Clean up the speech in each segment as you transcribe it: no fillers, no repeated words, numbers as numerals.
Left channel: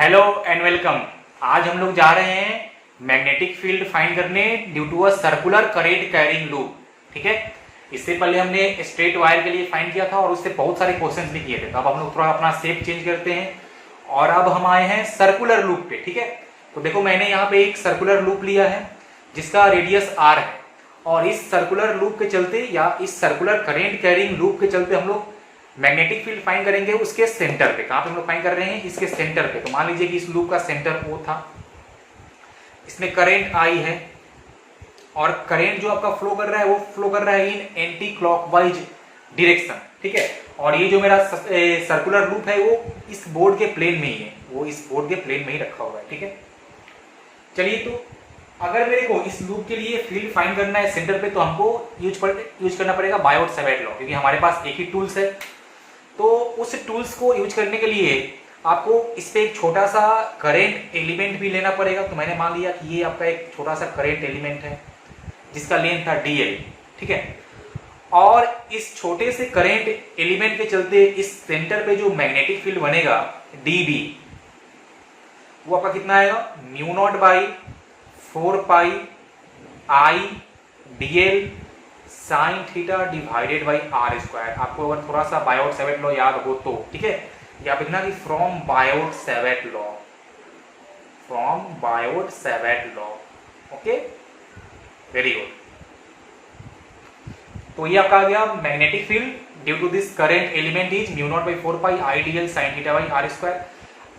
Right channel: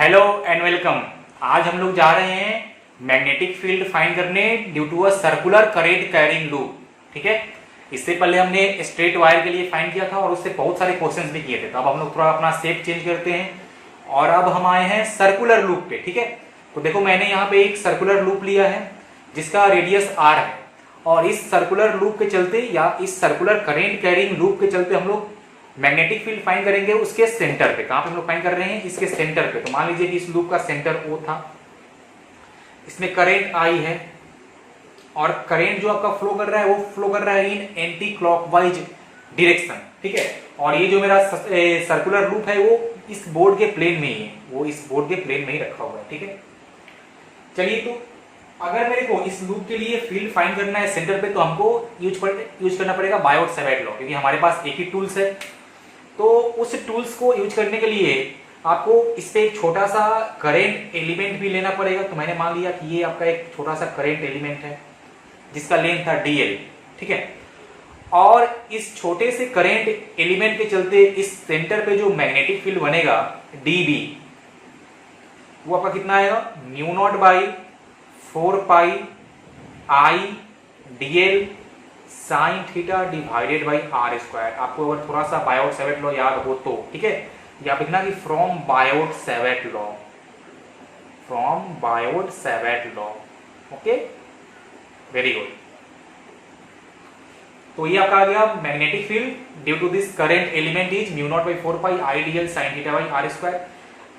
Hello and welcome. आज हम लोग जा रहे हैं मैग्नेटिक फील्ड फाइंड करने due to a circular current carrying loop. ठीक है, इससे पहले हमने स्ट्रेट वायर के लिए फाइंड किया था और उससे बहुत सारे क्वेश्चंस भी किए थे। तो अब हम लोग थोड़ा अपना शेप चेंज करते हैं और अब हम आए हैं सर्कुलर लूप पे। ठीक है, तो देखो मैंने यहाँ पे एक सर्कुलर लूप लिया है जिसका रेडियस r है और इस सर्कुलर लूप के चलते या इस सर्कुलर करेंट कैरिंग लूप के चलते हम लोग मैग्नेटिक फील्ड फाइंड करेंगे उसके सेंटर पे। कहां पे हम लोग फाइंड कर रहे हैं? इसके सेंटर पे। तो मान लीजिए कि इस लूप का सेंटर O था, इसमें करंट I है और करंट जो आपका फ्लो कर रहा है वो फ्लो कर रहा है इन एंटी क्लॉकवाइज डायरेक्शन। ठीक है, और ये जो मेरा सर्कुलर लूप है वो इस बोर्ड के प्लेन में ही है, वो इस बोर्ड के प्लेन में ही रखा हुआ है। ठीक है, चलिए तो अगर मेरे को इस लूप के लिए फील्ड फाइंड करना है सेंटर पे तो हमको यूज करना पड़ेगा बायोट-सैवर्ट लॉ, क्योंकि हमारे पास एक ही टूल्स है। तो उस टूल्स को यूज करने के लिए आपको इस पे एक छोटा सा करेंट एलिमेंट भी लेना पड़ेगा। तो मैंने मान लिया कि ये आपका एक छोटा सा करेंट एलिमेंट है जिसका लेंथ था dl। ठीक है, और इस छोटे से करेंट एलिमेंट के चलते इस सेंटर पे जो मैग्नेटिक फील्ड बनेगा dB वो आपका कितना आएगा? Mu not by 4 pi I dl sine theta divided by R square. आपको अगर थोड़ा सा बायोट-सैवर्ट लॉ याद हो तो ठीक है, या लिखना कि from Biot Savart law, from Biot Savart law. Okay, very good. तो ये आपका आ गया magnetic field due to this current element is mu not by 4 pi I dl sine theta by R square.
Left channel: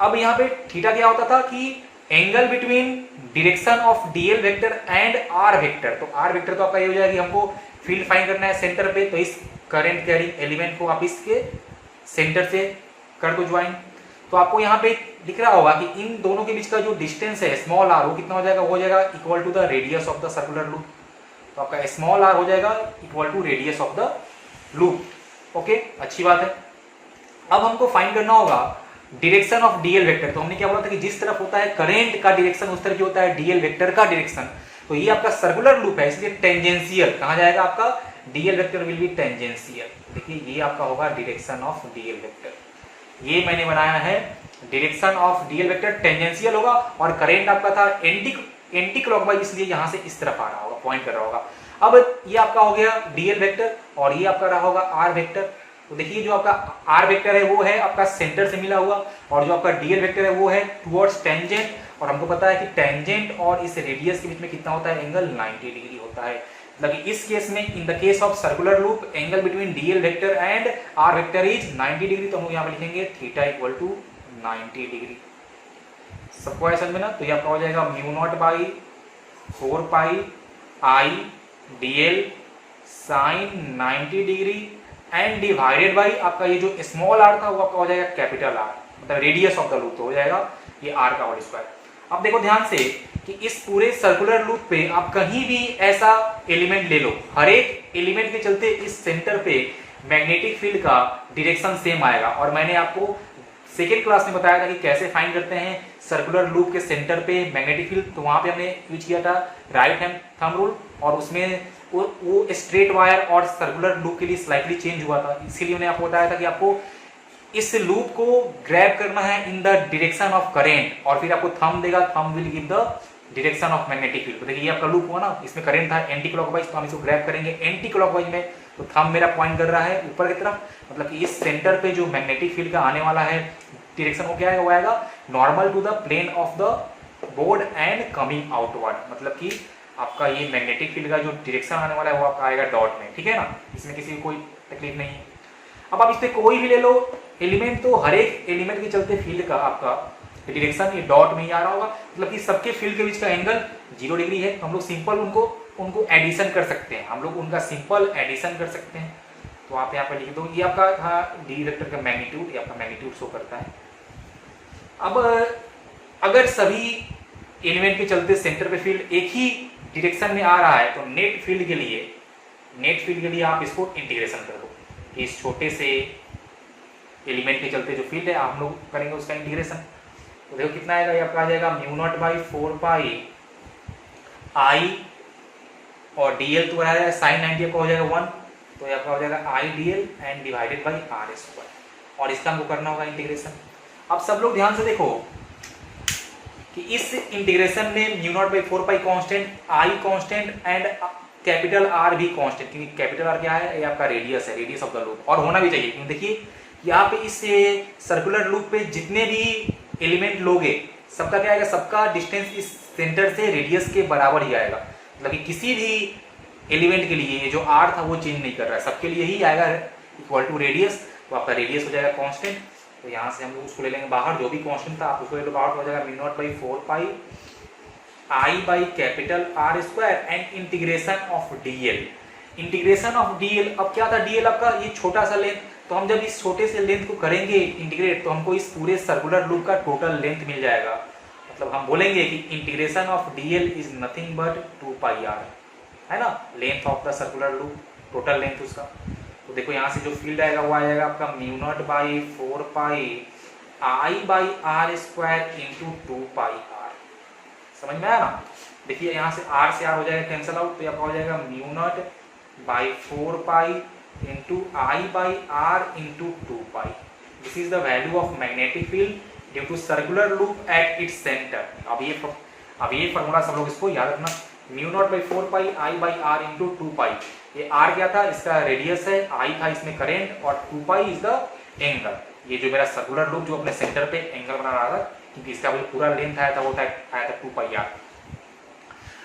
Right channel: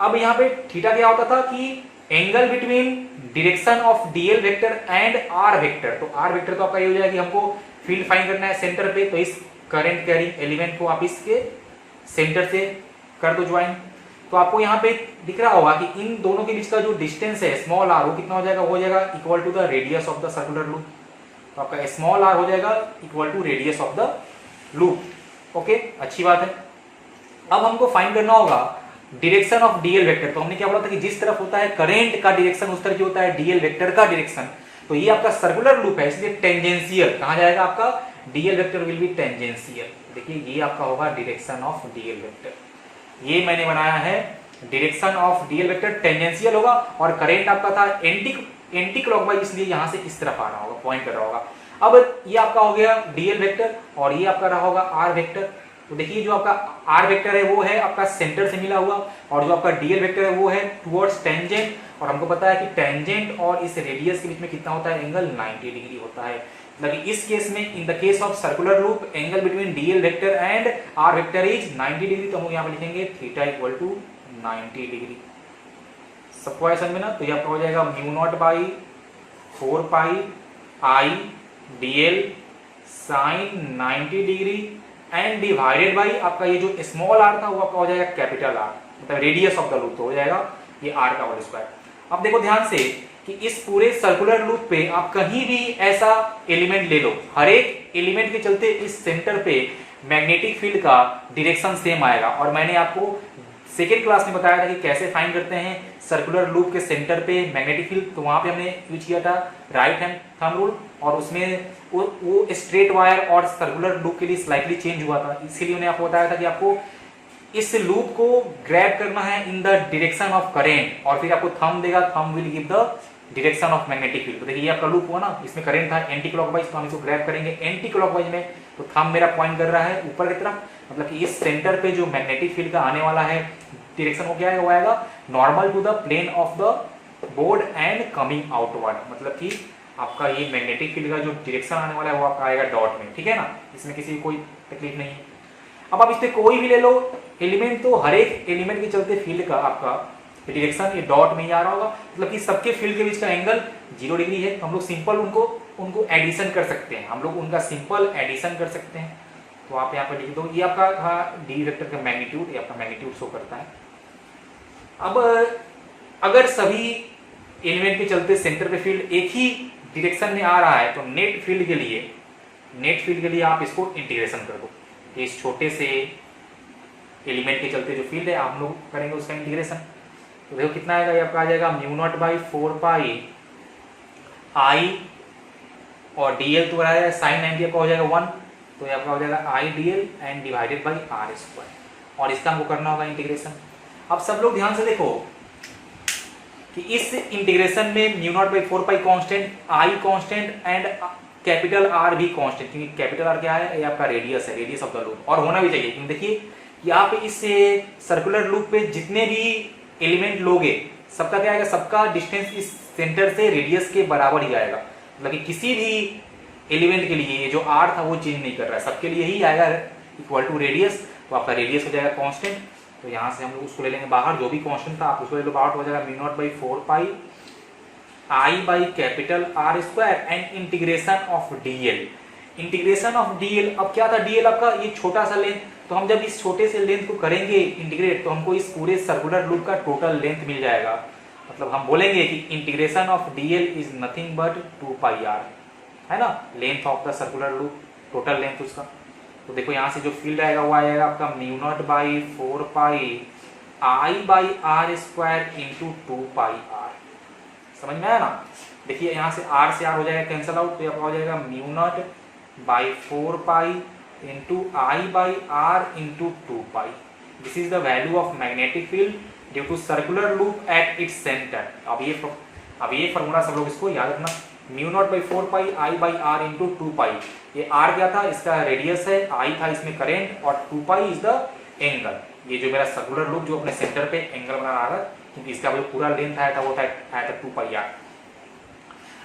अब यहाँ पे थीटा क्या होता था कि angle between direction of dl vector and r vector. तो r वेक्टर तो आपका ये हो जाएगा कि हमको फील्ड फाइंड करना है सेंटर पे, तो इस करंट कैरिंग एलिमेंट को आप इसके सेंटर से कर दो ज्वाइन। तो आपको यहाँ पे दिख रहा होगा कि इन दोनों के बीच का जो डिस्टेंस है स्मॉल r वो कितना हो जाएगा? हो जाएगा equal to the radius of the circular loop. तो आपका स्मॉल r हो जाएगा equal to radius of the loop. Okay, अच्छी बात है। अब हमको फाइंड करना होगा डायरेक्शन ऑफ dl वेक्टर। तो हमने क्या बोला था कि जिस तरफ होता है करंट का डायरेक्शन उस तरफ होता है dl वेक्टर का डायरेक्शन। तो ये आपका सर्कुलर लूप है इसलिए टेंजेंशियल कहां जाएगा? आपका dl vector will be tangential. देखिए ये आपका होगा डायरेक्शन ऑफ dl वेक्टर। ये मैंने बनाया है direction of dl vector tangential होगा और करंट आपका था एंटी क्लॉकवाइज, इसलिए यहां से इस तरफ आ रहा होगा, पॉइंट कर रहा होगा। अब ये आपका हो गया dl वेक्टर और ये आपका रहा होगा r वेक्टर। तो देखिए जो आपका r वेक्टर है वो है आपका सेंटर से मिला हुआ और जो आपका dl वेक्टर है वो है टुवर्ड्स टेंजेंट। और हमको पता है कि टेंजेंट और इस रेडियस के बीच में कितना होता है? एंगल 90 डिग्री होता है। मतलब इस केस में in the case of circular loop angle between dl vector and r vector is 90 degree. तो हम लोग यहाँ पे लिखेंगे थीटा इक्वल टू 90 डिग्री। सबको है समझ में ना? तो ये आपका हो जाएगा mu not by 4 pi I dl sine 90 degree and divided by आपका ये जो स्मॉल r था वो आपका हो जाएगा कैपिटल R, मतलब रेडियस ऑफ द लूप। तो हो जाएगा ये r का होल स्क्वायर। अब देखो ध्यान से कि इस पूरे सर्कुलर लूप पे आप कहीं भी ऐसा एलिमेंट ले लो, हर एक एलिमेंट के चलते इस सेंटर पे मैग्नेटिक फील्ड का डायरेक्शन सेम आएगा। और मैंने आपको सेकेंड क्लास में बताया था कि कैसे फाइंड करते हैं सर्कुलर लूप के सेंटर पे मैग्नेटिक फील्ड। तो वहां पे हमने यूज किया था राइट हैंड थंब रूल और उसमें वो स्ट्रेट वायर और सर्कुलर लूप के लिए स्लाइटली चेंज हुआ था। इसीलिए मैंने आपको बताया था कि आपको इस लूप को ग्रैब करना है इन द डायरेक्शन ऑफ करेंट और फिर आपको थंब देगा, thumb will give the direction of magnetic field. तो देखिए ये आपका लूप हुआ ना, इसमें करंट था एंटी क्लॉकवाइज, तो हम इसको ग्रैब करेंगे एंटी क्लॉकवाइज में। तो थंब मेरा पॉइंट कर रहा है ऊपर की तरफ, मतलब कि इस सेंटर पे जो मैग्नेटिक फील्ड का आने वाला है डायरेक्शन वो क्या आएगा? वो आएगा normal to the plane of the board and coming outward. मतलब कि आपका ये मैग्नेटिक फील्ड का जो डायरेक्शन आने वाला है वो आपका आएगा डॉट में। ठीक है ना, इसमें किसी को कोई तकलीफ नहीं है। अब आप इस पे कोई भी ले लो एलिमेंट, तो हर एक एलिमेंट के चलते फील्ड का आपका डायरेक्शन ये डॉट में ही आ रहा होगा। मतलब कि सबके फील्ड के बीच का एंगल 0 डिग्री है। तो हम लोग सिंपल उनको एडिशन कर सकते हैं, हम लोग उनका सिंपल एडिशन कर सकते हैं। तो आप यहाँ पर लिख दो, ये आपका था डी वेक्टर का मैग्नीट्यूड, ये आपका मैग्नीट्यूड शो करता है। अब अगर सभी एलिमेंट के चलते सेंटर पे फील्ड एक ही डायरेक्शन में आ रहा है तो नेट फील्ड के लिए आप इसको इंटीग्रेशन कर दो कि इस छोटे से एलिमेंट के चलते जो फील्ड है हम लोग करेंगे उसका इंटीग्रेशन। तो देखो कितना आएगा? ये आपका आ जाएगा mu not by 4 pi I और dl तो आ जाएगा साइन 90 का हो जाएगा 1, तो ये आपका हो जाएगा I dl and divided by r square. और इसका हमको करना होगा इंटीग्रेशन। अब सब लोग ध्यान से देखो कि इस इंटीग्रेशन में mu naught by 4 pi constant, I constant and capital R भी कांस्टेंट, क्योंकि कैपिटल आर क्या है, ये आपका रेडियस है, रेडियस ऑफ द लूप, और होना भी चाहिए, क्योंकि देखिए यहाँ पे इस सर्कुलर लूप पे जितने भी एलिमेंट लोगे सबका क्या आएगा, सबका डिस्टेंस इस सेंटर से रेडियस के बराबर ही आएगा, मतलब कि किसी भी एलिमेंट के लिए ये जो आर था वो चेंज नहीं कर रहा है, सबके लिए ही आएगा इक्वल टू रेडियस। तो आपका रेडियस हो जाएगा कांस्टेंट, तो यहाँ से हम लोग उसको ले लेंगे बाहर, जो भी कांस्टेंट था आप उसको ले लो बाहर, तो हो जाएगा mu not by 4 pi I by capital R square and integration of DL. Integration of DL, अब क्या था डीएल आपका ये छोटा सा लेंथ, तो हम जब इस छोटे से लेंथ को करेंगे इंटीग्रेट तो हमको इस पूरे सर्कुलर लूप का टोटल लेंथ मिल जाएगा, मतलब हम बोलेंगे कि integration of DL is nothing but 2 pi R, है ना, length of the circular loop, total length उसका। तो देखो यहाँ से जो फील्ड आएगा वो आएगा आपका mu not by 4 pi I by R square into 2 pi R, समझ में आया ना। देखिए यहाँ से आर हो जाएगा कैंसल आउट, तो आपका हो जाएगा mu not by 4 pi into I by R into 2 pi. This is the value of magnetic field due to circular loop at its centre. अब ये फॉर्मूला सब लोग इसको याद रखना, mu not by 4 pi I by R into 2 pi. ये R क्या था, इसका रेडियस है, आई था इसमें करंट, और 2 पाई इज द एंगल। ये जो मेरा सर्कुलर लूप जो अपने सेंटर पे एंगल बना रहा था, क्योंकि इसका जो पूरा लेंथ आया था वो आया था 2 पाई आर।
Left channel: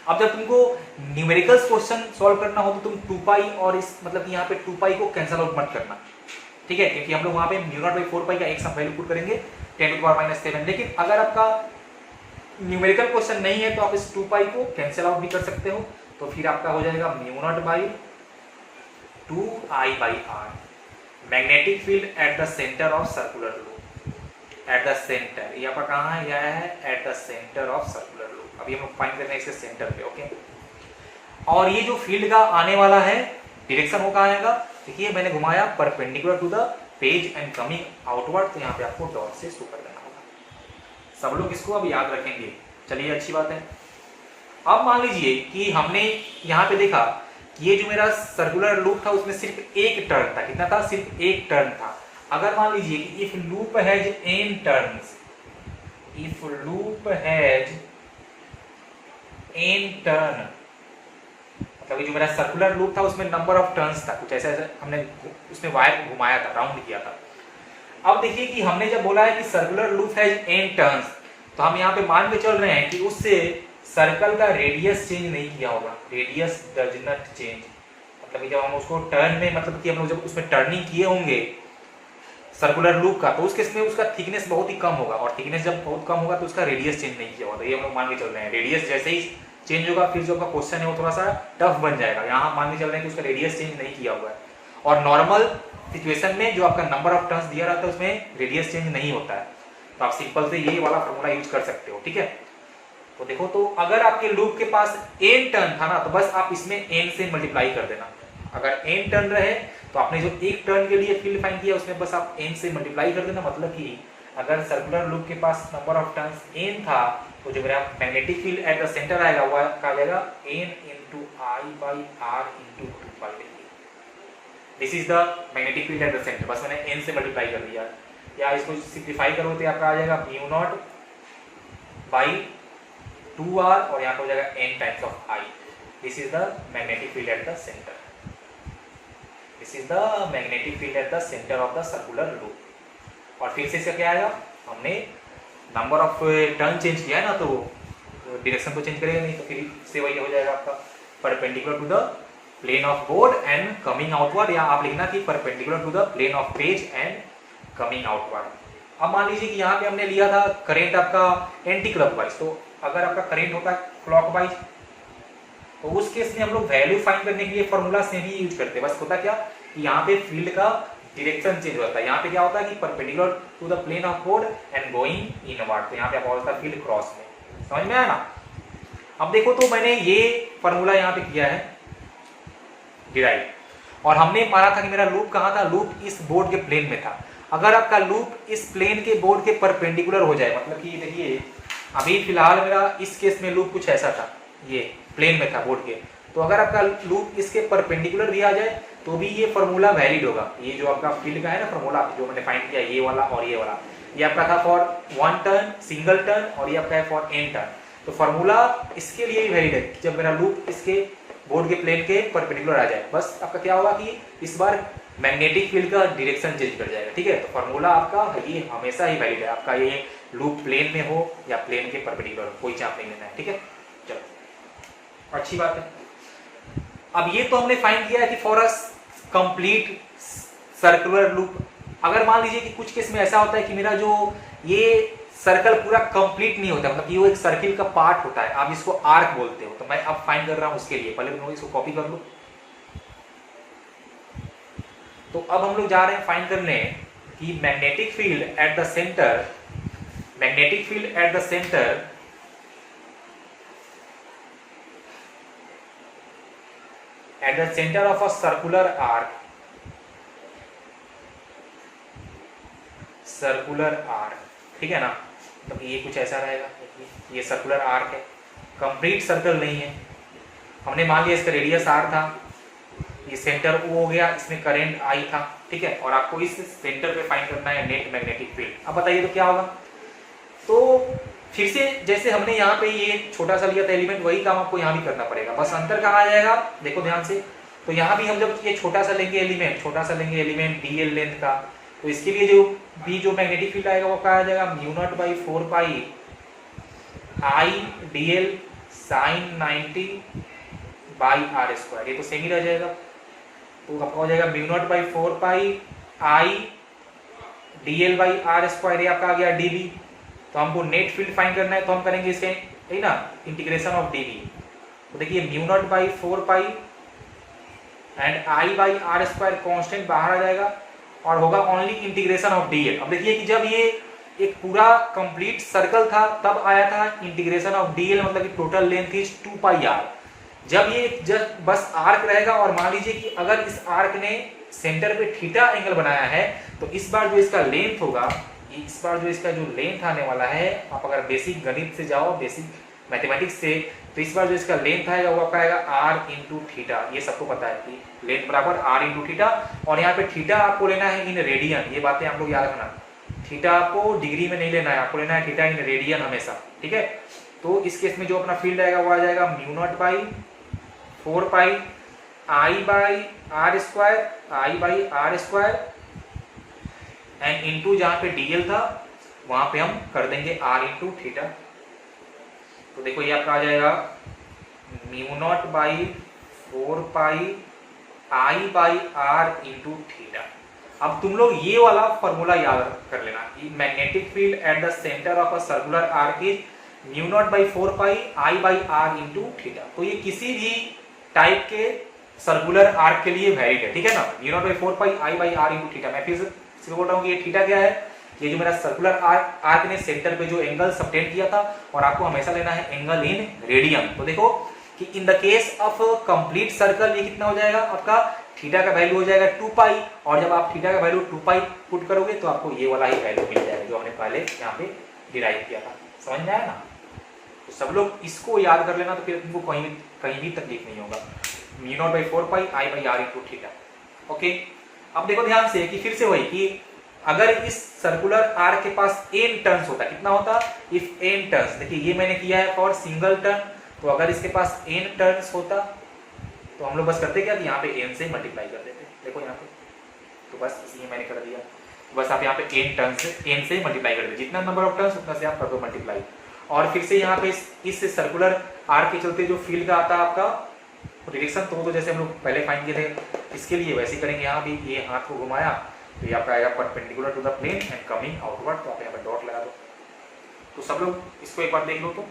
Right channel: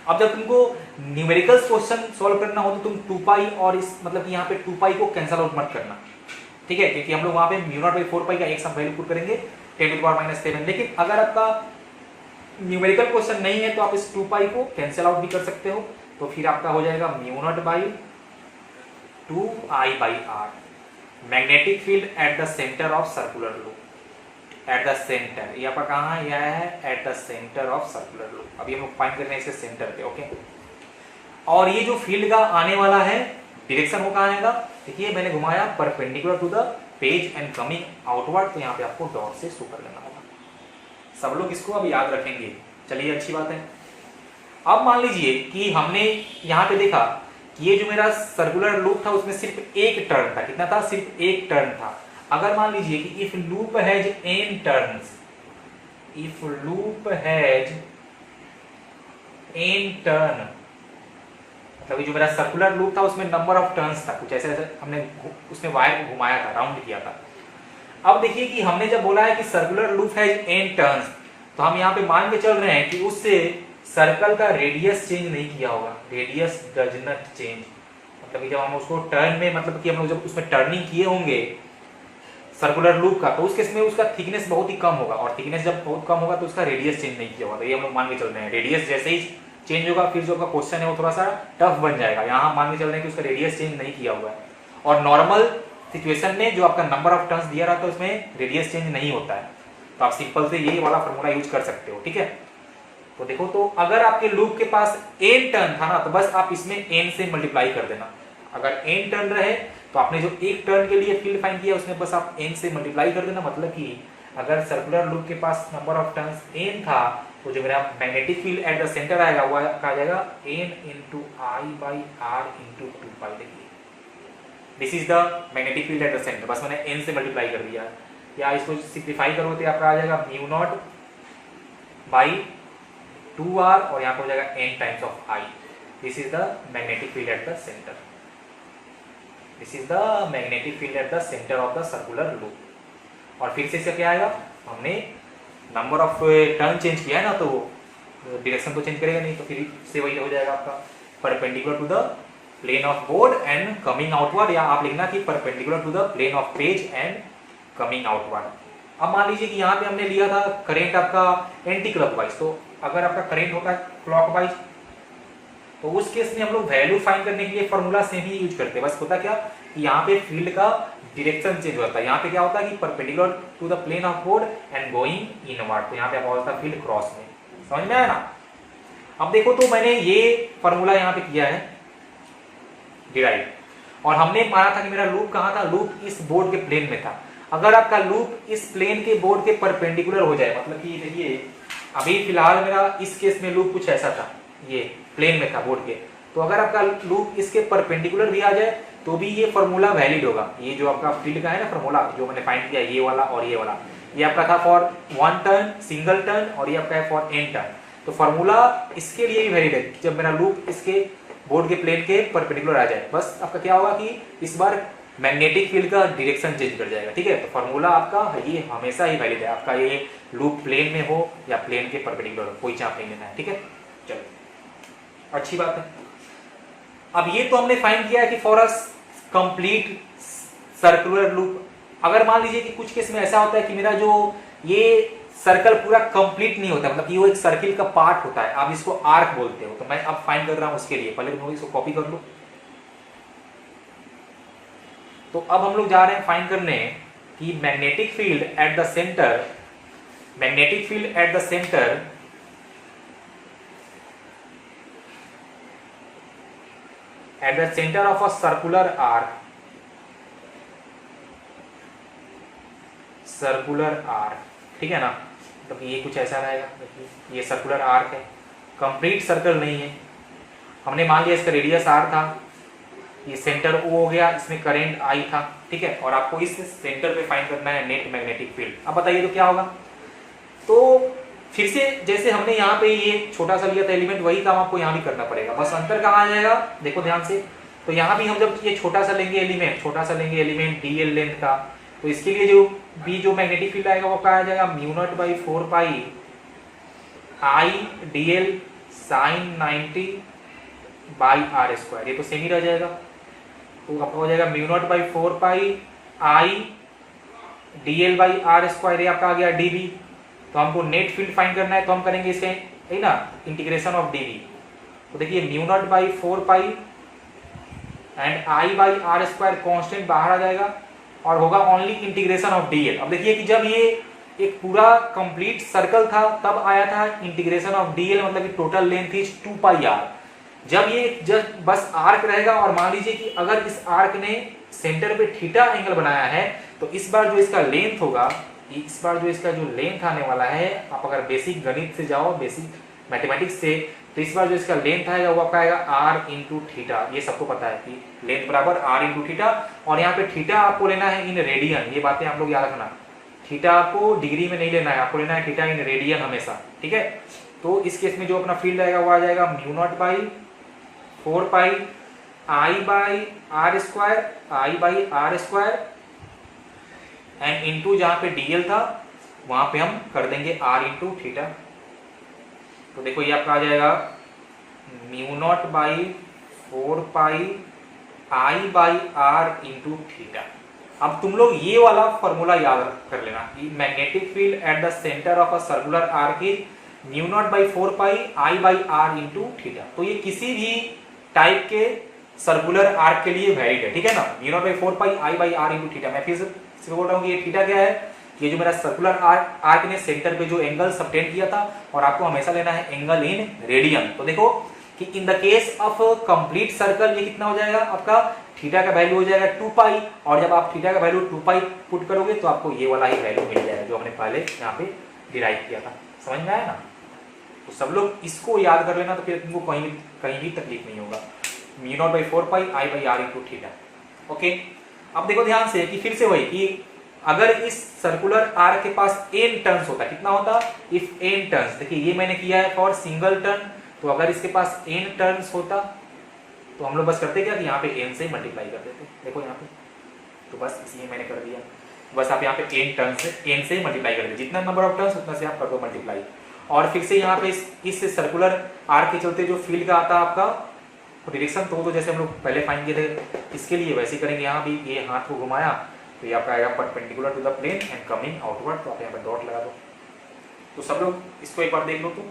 अब जब तुमको न्यूमेरिकल्स क्वेश्चन सॉल्व करना हो तो तुम 2 पाई और इस मतलब कि यहाँ पे 2 पाई को कैंसल आउट मत करना, ठीक है, क्योंकि हम लोग वहां पे म्यू नॉट बाई 4 पाई का एक सम वैल्यू पुट करेंगे 10 टू द पावर -7। लेकिन अगर आपका न्यूमेरिकल क्वेश्चन नहीं है तो आप इस 2 पाई को कैंसिल आउट भी कर सकते हो, तो फिर आपका हो जाएगा mu not by 2 I by R. Magnetic field at the centre of circular loop, at the centre, ये आपका कहाँ है, यह है at the centre of circular loop. अभी हम लोग फाइंड करने इसके सेंटर पे, ओके। और ये जो फील्ड का आने वाला है डायरेक्शन वो कहाँ आएगा, देखिए मैंने घुमाया perpendicular to the page and coming outward, तो यहाँ पे आपको डॉट से शो कर देना होगा। सब लोग इसको अब याद रखेंगे, चलिए अच्छी बात है। अब मान लीजिए कि हमने यहाँ पे देखा कि ये जो मेरा सर्कुलर लूप था उसमें सिर्फ एक टर्न था, कितना था, सिर्फ एक टर्न था। अगर मान लीजिए कि if loop has n turns, if loop has n turn, मतलब जो मेरा सर्कुलर लूप था उसमें नंबर ऑफ टर्न्स था, कुछ ऐसे ऐसे हमने उसमें वायर को घुमाया था, राउंड किया था। अब देखिए कि हमने जब बोला है कि circular loop has n turns, तो हम यहाँ पे मान के चल रहे हैं कि उससे सर्कल का रेडियस चेंज नहीं किया होगा, रेडियस डज नॉट चेंज, मतलब कि जब हम उसको टर्न में, मतलब कि हम लोग जब उसमें टर्निंग किए होंगे सर्कुलर लूप का, तो उस केस में उसका थिकनेस बहुत ही कम होगा, और थिकनेस जब बहुत कम होगा तो उसका रेडियस चेंज नहीं किया होगा। तो ये हम लोग मान के चल रहे हैं, रेडियस जैसे ही चेंज होगा फिर जो आपका क्वेश्चन है वो थोड़ा सा टफ बन जाएगा। यहाँ हम मान के चल रहे हैं कि उसका रेडियस चेंज नहीं किया हुआ है, और नॉर्मल सिचुएशन में जो आपका नंबर ऑफ टर्न्स दिया रहता है उसमें रेडियस चेंज नहीं होता है, तो आप सिंपल से यही वाला फॉर्मूला यूज कर सकते हो, ठीक है। तो देखो, तो अगर आपके लूप के पास n टर्न था ना, तो बस आप इसमें n से मल्टीप्लाई कर देना। अगर n टर्न रहे तो आपने जो एक टर्न के लिए फील्ड फाइंड किया उसमें बस आप n से मल्टीप्लाई कर देना, मतलब कि अगर सर्कुलर लूप के पास नंबर ऑफ टर्न्स n था तो जो मेरा magnetic field at the centre आएगा वो आ जाएगा n into I by r into 2 पाई। देखिए this is the magnetic field at the centre, बस मैंने n से मल्टीप्लाई कर दिया, या इसको सिंपलीफाई करो तो आपका आ जाएगा म्यू नॉट बाई 2r, और यहाँ पर हो जाएगा n times of I। This is the magnetic field at the centre, this is the magnetic field at the centre of the circular loop. और फिर से क्या आएगा, हमने नंबर ऑफ टर्न चेंज किया है ना, तो डायरेक्शन तो चेंज करेगा नहीं, तो फिर से वही हो जाएगा आपका perpendicular to the plane of board and coming outward, या आप लिखना कि perpendicular to the plane of page and coming outward. अब मान लीजिए कि यहाँ पे हमने लिया था करंट आपका एंटी क्लॉकवाइज, तो अगर आपका करंट होता है क्लॉकवाइज तो उस केस में हम लोग वैल्यू फाइंड करने के लिए फॉर्मूला सेम ही यूज करते हैं। बस होता क्या कि यहाँ पे फील्ड का डायरेक्शन चेंज होता है, यहाँ पे क्या होता है कि perpendicular to the plane of board and going inward, तो यहाँ पे आपका होता है फील्ड क्रॉस में। समझ में आया ना। अब देखो, तो मैंने ये फॉर्मूला यहाँ पे किया है डिराइव, और हमने माना था कि मेरा लूप कहाँ था, लूप इस बोर्ड के प्लेन में था। अगर आपका लूप इस प्लेन के बोर्ड के परपेंडिकुलर हो जाए, मतलब कि देखिए अभी फिलहाल मेरा इस केस में लूप कुछ ऐसा था, ये प्लेन में था बोर्ड के, तो अगर आपका लूप इसके परपेंडिकुलर भी आ जाए तो भी ये फॉर्मूला वैलिड होगा। ये जो आपका फील्ड का है ना फॉर्मूला जो मैंने फाइंड किया, ये वाला और ये वाला, ये आपका था फॉर 1 टर्न सिंगल टर्न, और ये आपका है फॉर n टर्न। तो फॉर्मूला इसके लिए ही वैलिड है जब मेरा लूप इसके बोर्ड के प्लेन के परपेंडिकुलर आ जाए। बस आपका क्या होगा कि इस बार मैग्नेटिक फील्ड का डायरेक्शन चेंज कर जाएगा, ठीक है। तो फॉर्मूला आपका ये हमेशा ही वैलिड है, आपका ये लूप प्लेन में हो या प्लेन के परपेंडिकुलर हो, कोई चाप नहीं लेना है, ठीक है। चलो अच्छी बात है। अब ये तो हमने फाइंड किया है कि for a complete circular loop. अगर मान लीजिए कि कुछ केस में ऐसा होता है कि मेरा जो ये सर्कल पूरा कंप्लीट नहीं होता, मतलब कि वो एक सर्किल का पार्ट होता है, आप इसको आर्क बोलते हो, तो मैं अब फाइंड कर रहा हूं उसके लिए। पहले मैं इसको कॉपी कर लूं। तो अब हम लोग जा रहे हैं फाइंड करने कि magnetic field at the centre, magnetic field at the centre at the center of a circular arc, circular arc, ठीक है ना। मतलब ये कुछ ऐसा रहेगा, देखिए ये सर्कुलर आर्क है, कंप्लीट सर्कल नहीं है। हमने मान लिया इसका रेडियस r था, ये सेंटर O हो गया, इसमें करंट I था, ठीक है। और आपको इस सेंटर पे फाइंड करना है नेट मैग्नेटिक फील्ड। अब बताइए तो क्या होगा। तो फिर से जैसे हमने यहाँ पे ये छोटा सा लिया था एलिमेंट, वही काम आपको यहाँ भी करना पड़ेगा। बस अंतर कहाँ आ जाएगा, देखो ध्यान से। तो यहाँ भी हम जब ये छोटा सा लेंगे एलिमेंट, छोटा सा लेंगे एलिमेंट dl लेंथ का, तो इसके लिए जो मैग्नेटिक फील्ड आएगा वो क्या आ जाएगा, μ0/4 पाई I dl sin 90/r²। ये तो सेम ही रह जाएगा। तो आपका हो जाएगा μ0/4 पाई I dl/r²। ये आपका आ गया dv। तो हमको नेट फील्ड फाइंड करना है, तो हम करेंगे इसे है ना इंटीग्रेशन ऑफ dv। तो देखिए μ0/4 पाई एंड I/r² कांस्टेंट बाहर आ जाएगा और होगा ओनली इंटीग्रेशन ऑफ dl। अब देखिए कि जब ये एक पूरा कंप्लीट सर्कल था तब आया था इंटीग्रेशन ऑफ dl, मतलब कि टोटल लेंथ इज 2πr। जब ये बस आर्क रहेगा और मान लीजिए कि अगर इस आर्क ने सेंटर पे थीटा एंगल बनाया है, तो इस बार जो इसका लेंथ होगा, इस बार जो इसका जो लेंथ आने वाला है, आप अगर बेसिक गणित से जाओ, बेसिक मैथमेटिक्स से, तो इस बार जो इसका लेंथ आएगा वो आपका आएगा r इंटू थीटा। ये सबको पता है कि लेंथ बराबर r इंटू थीटा। और यहाँ पे थीटा आपको लेना है इन रेडियन, ये बातें आप लोग याद रखना। थीटा आपको डिग्री में नहीं लेना है, आपको लेना है थीटा इन रेडियन हमेशा, ठीक है। तो इस केस में जो अपना फील्ड आएगा वो आ जाएगा μ0/4 पाई I/r² एंड इंटू जहां पे dl था वहां पे हम कर देंगे r इंटू थीटा। तो देखो ये आपका आ जाएगा μ0/4 पाई I/r इंटू थीटा। अब तुम लोग ये वाला फॉर्मूला याद कर लेना कि magnetic field at the centre of a circular arc is μ0/4 pi I/r into theta. तो ये किसी भी टाइप के सर्कुलर आर्क के लिए वैलिड है, ठीक है ना। μ0/4 पाई I/r इंटू थीटा। मैं फिर से बोल रहा हूँ कि ये थीटा क्या है, ये जो मेरा सर्कुलर आर्क ने सेंटर पे जो एंगल सबटेंड किया था, और आपको हमेशा लेना है एंगल इन रेडियन। तो देखो कि in the case of complete circle ये कितना हो जाएगा, आपका थीटा का वैल्यू हो जाएगा 2 पाई, और जब आप थीटा का वैल्यू 2 पाई पुट करोगे तो आपको ये वाला ही वैल्यू मिल जाएगा जो हमने पहले यहाँ पे डिराइव किया था। समझ में आया ना। तो सब लोग इसको याद कर लेना, तो फिर तुमको कहीं भी तकलीफ नहीं होगा। μ0/4 pi I/r into theta. Okay, अब देखो ध्यान से कि फिर से वही कि अगर इस सर्कुलर आर्क के पास n टर्न्स होता, कितना होता, इफ n टर्न्स, देखिए ये मैंने किया है फॉर सिंगल टर्न, तो अगर इसके पास n टर्न्स होता तो हम लोग बस करते क्या कि यहाँ पे n से मल्टीप्लाई कर देते। देखो यहाँ पे, तो बस इसलिए मैंने कर दिया, बस आप यहाँ पे n से मल्टीप्लाई कर दे, जितना नंबर ऑफ टर्न्स उतना से आप कर दो मल्टीप्लाई। और फिर से यहाँ पे इस सर्कुलर आर्क के चलते जो फील्ड का आता है आपका डायरेक्शन, तो जैसे हम लोग पहले फाइंड किए थे, इसके लिए वैसे करेंगे। यहाँ भी ये हाथ को घुमाया तो ये आपका आएगा perpendicular to the plane and coming outward, तो आप यहाँ पर डॉट लगा दो। तो सब लोग इसको एक बार देख लो। तो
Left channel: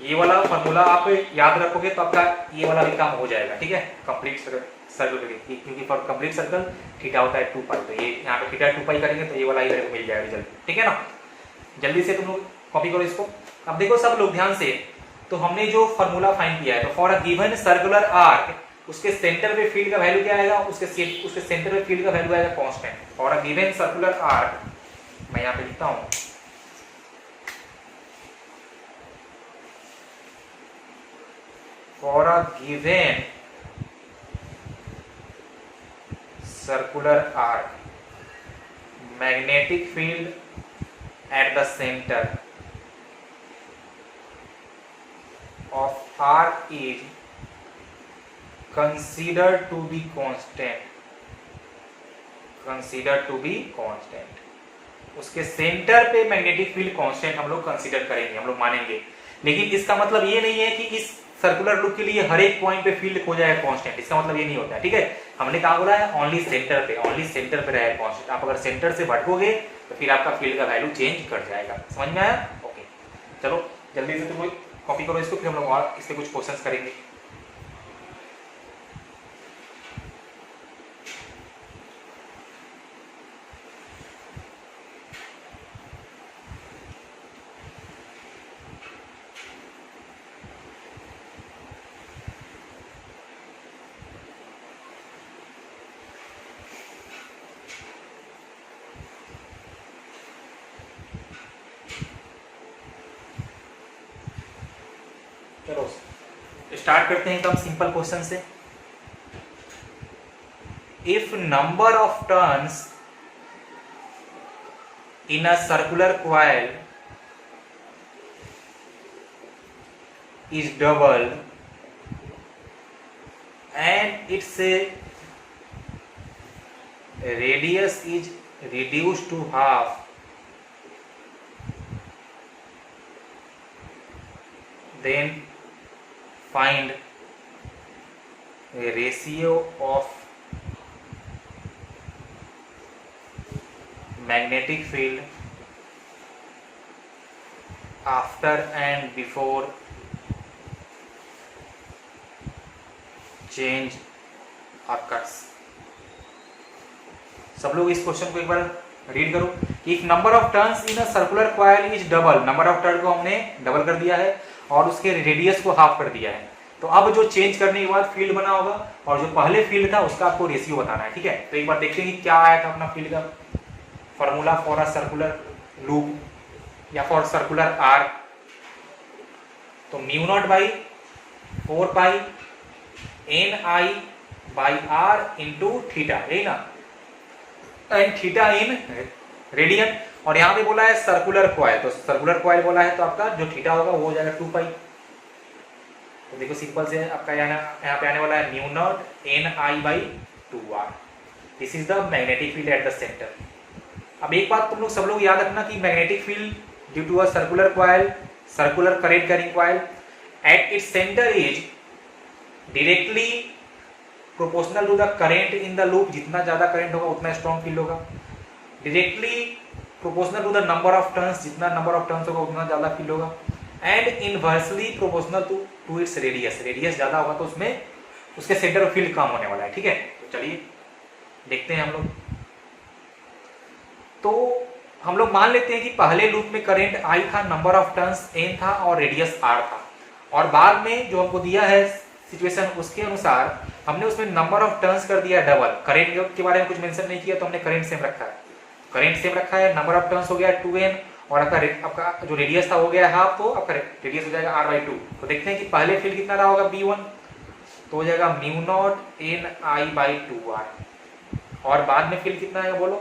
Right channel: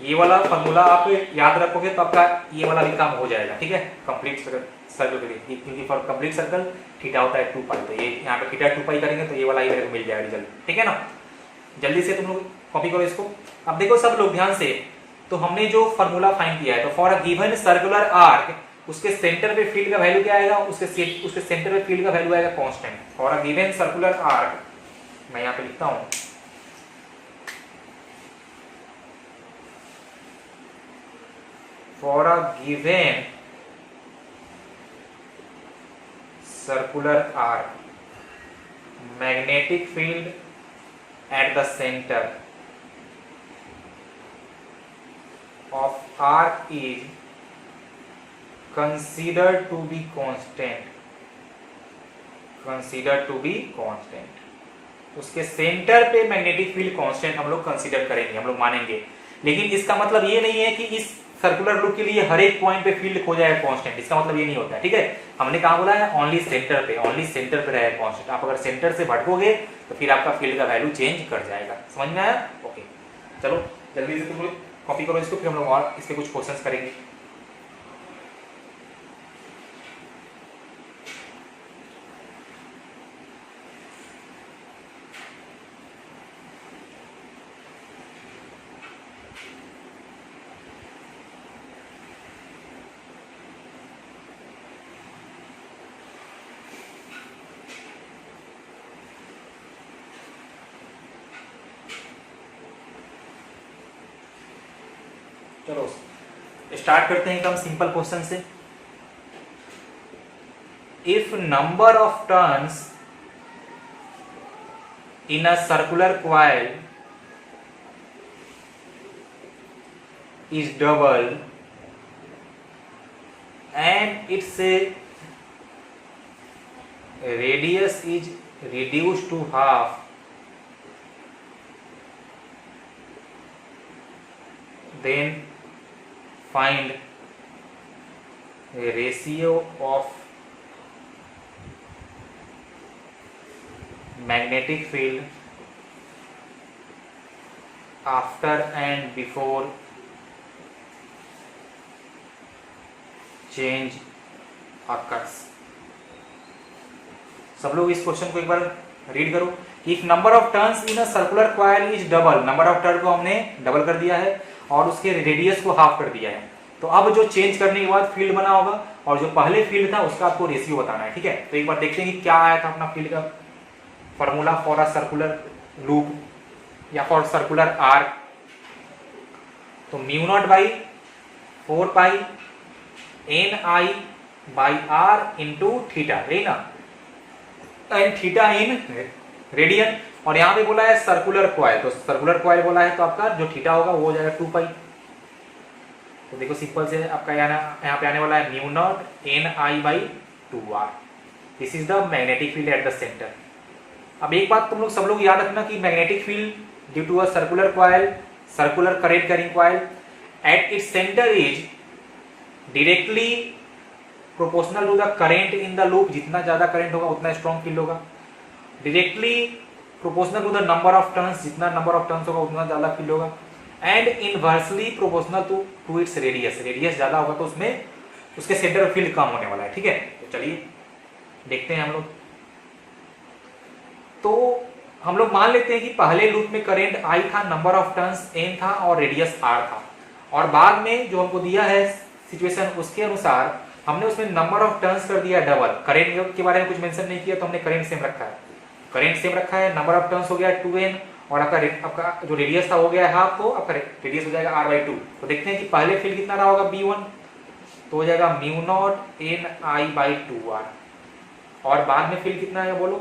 ये वाला फॉर्मूला आप याद रखोगे तो आपका ये वाला भी काम हो जाएगा, ठीक है, कंप्लीट सर्कल के लिए। क्योंकि फॉर कंप्लीट सर्कल थीटा होता है 2 पाई, तो ये यहाँ पे थीटा 2 पाई करेंगे तो ये वाला ही मिल जाएगा रिजल्ट, ठीक है ना। जल्दी से तुम लोग कॉपी करो इसको। अब देखो सब लोग ध्यान से, तो हमने जो फॉर्मूला फाइंड किया है, तो for a given circular arc उसके सेंटर पे फील्ड का वैल्यू क्या आएगा, उसके सेंटर पे फील्ड का वैल्यू आएगा constant. For a given circular arc, मैं यहाँ पे लिखता हूं, for a given circular arc magnetic field at the center of arc is considered to be constant, considered to be constant। उसके सेंटर पे मैग्नेटिक फील्ड कांस्टेंट हम लोग consider करेंगे, हम लोग मानेंगे। लेकिन इसका मतलब ये नहीं है कि इस सर्कुलर लूप के लिए हर एक पॉइंट पे फील्ड खो जाएगा कांस्टेंट, इसका मतलब ये नहीं होता है, ठीक है। हमने कहा बोला है ओनली सेंटर पे, ओनली सेंटर पे रहेगा कांस्टेंट। आप अगर सेंटर से भटकोगे तो फिर आपका फील्ड का वैल्यू चेंज कर जाएगा। समझ में आया? ओके, चलो जल्दी से तुम लोग कॉपी करो इसको, फिर हम लोग और इसके कुछ क्वेश्चंस करेंगे। चलो स्टार्ट करते हैं एकदम सिंपल क्वेश्चन से। If number of turns in a circular coil is double and its radius is reduced to half, then find a ratio of magnetic field after and before change occurs। सब लोग इस question को एक बार read करो। If number of turns in a circular coil is double, number of turn को हमने double कर दिया है और उसके रेडियस को हाफ कर दिया है, तो अब जो चेंज करने के बाद फील्ड बना होगा और जो पहले फील्ड था उसका आपको रेशियो बताना है, ठीक है। तो एक बार देखते हैं कि क्या आया था अपना फील्ड का formula for a circular loop या फॉर सर्कुलर आर्क। तो mu not by 4 pi N I by R into theta, है ना, एंड थीटा इन रेडियन। और यहां पे बोला है सर्कुलर कॉइल, तो सर्कुलर कॉइल बोला है तो आपका जो थीटा होगा वो हो जाएगा 2 पाई। तो देखो सिंपल से आपका यहाँ पे आने वाला है mu nought N I by 2r। This is the magnetic field at the centre. अब एक बात तुम लोग सब लोग याद रखना कि magnetic field due to a circular coil, circular current carrying coil at its centre is directly proportional to the current in the loop. जितना ज्यादा करंट होगा उतना स्ट्रॉन्ग फील्ड होगा। Directly proportional to the number of turns, जितना number of turns होगा उतना ज्यादा field होगा। And inversely proportional to its radius, radius ज्यादा होगा तो उसमें उसके सेंटर ऑफ फील्ड कम होने वाला है, ठीक है। तो चलिए देखते हैं हम लोग। तो हम लोग मान लेते हैं कि पहले लूप में करंट आई था, नंबर ऑफ टर्न्स एन था और रेडियस आर था, और बाद में जो हमको दिया है सिचुएशन उसके अनुसार हमने उसमें नंबर ऑफ टर्न्स कर दिया डबल। करंट के बारे में कुछ मेंशन नहीं किया तो हमने करंट सेम रखा है, करंट सेम रखा है, नंबर ऑफ टर्न्स हो गया 2n और आपका जो रेडियस था हो गया हाफ, तो आपका रेडियस हो जाएगा r/2। तो देखते हैं कि पहले फील्ड कितना रहा होगा b1, तो हो जाएगा mu nought N I by 2r। और बाद में फील्ड कितना आएगा बोलो,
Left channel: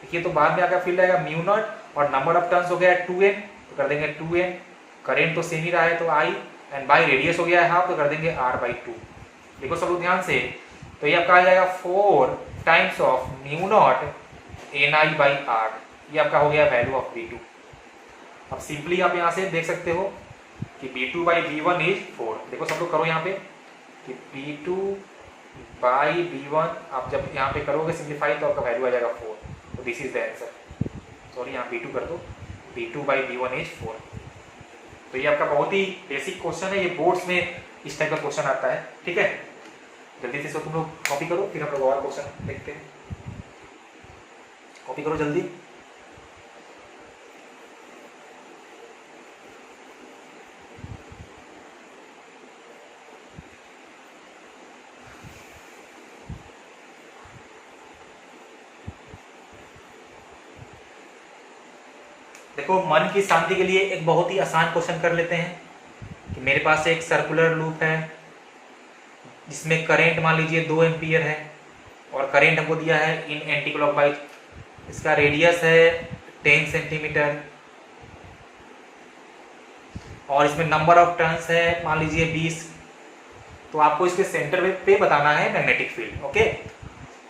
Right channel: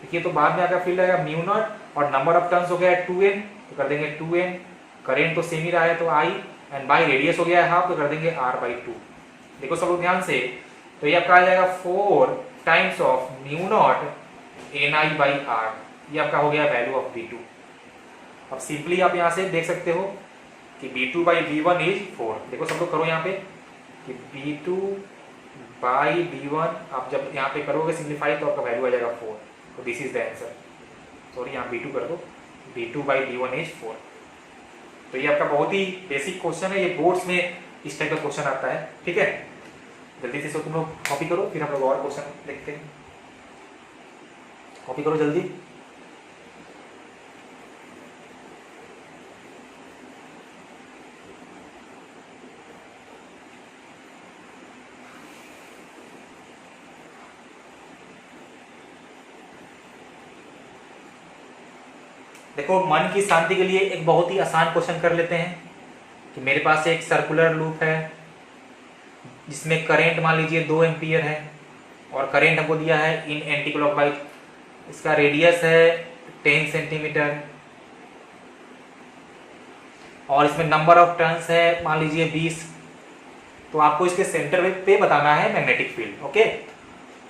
देखिए तो बाद में आपका फील्ड आएगा म्यू नॉट और नंबर ऑफ टर्न्स हो गया 2n, तो कर देंगे 2n, करंट तो सेम ही रहा है तो i, एंड बाई रेडियस हो गया है हाफ, तो कर देंगे r/2। देखो सब लोग ध्यान से, तो ये आपका आ जाएगा 4 times of mu nought N I by R, ये आपका हो गया वैल्यू ऑफ B2। अब सिंपली आप यहाँ से देख सकते हो कि B2 बाई B1 इज 4। देखो सब लोग करो यहाँ पे कि B2 बाई B1 आप जब यहाँ पे करोगे सिंप्लीफाई तो आपका वैल्यू आ जाएगा 4। तो this is the answer. Sorry यहाँ B2 कर दो, B2 बाई B1 इज 4। तो ये आपका बहुत ही बेसिक क्वेश्चन है, ये बोर्ड्स में इस टाइप का क्वेश्चन आता है, ठीक है। जल्दी से तुम लोग कॉपी करो, फिर हम लोग और क्वेश्चन देखते हैं। कॉपी करो जल्दी। देखो मन की शांति के लिए एक बहुत ही आसान क्वेश्चन कर लेते हैं कि मेरे पास एक सर्कुलर लूप है जिसमें करंट मान लीजिए 2 एम्पियर है और करंट हमको दिया है इन एंटी क्लॉकवाइज इसका रेडियस है 10 सेंटीमीटर और इसमें नंबर ऑफ टर्न्स है मान लीजिए 20। तो आपको इसके सेंटर पे बताना है magnetic field. Okay,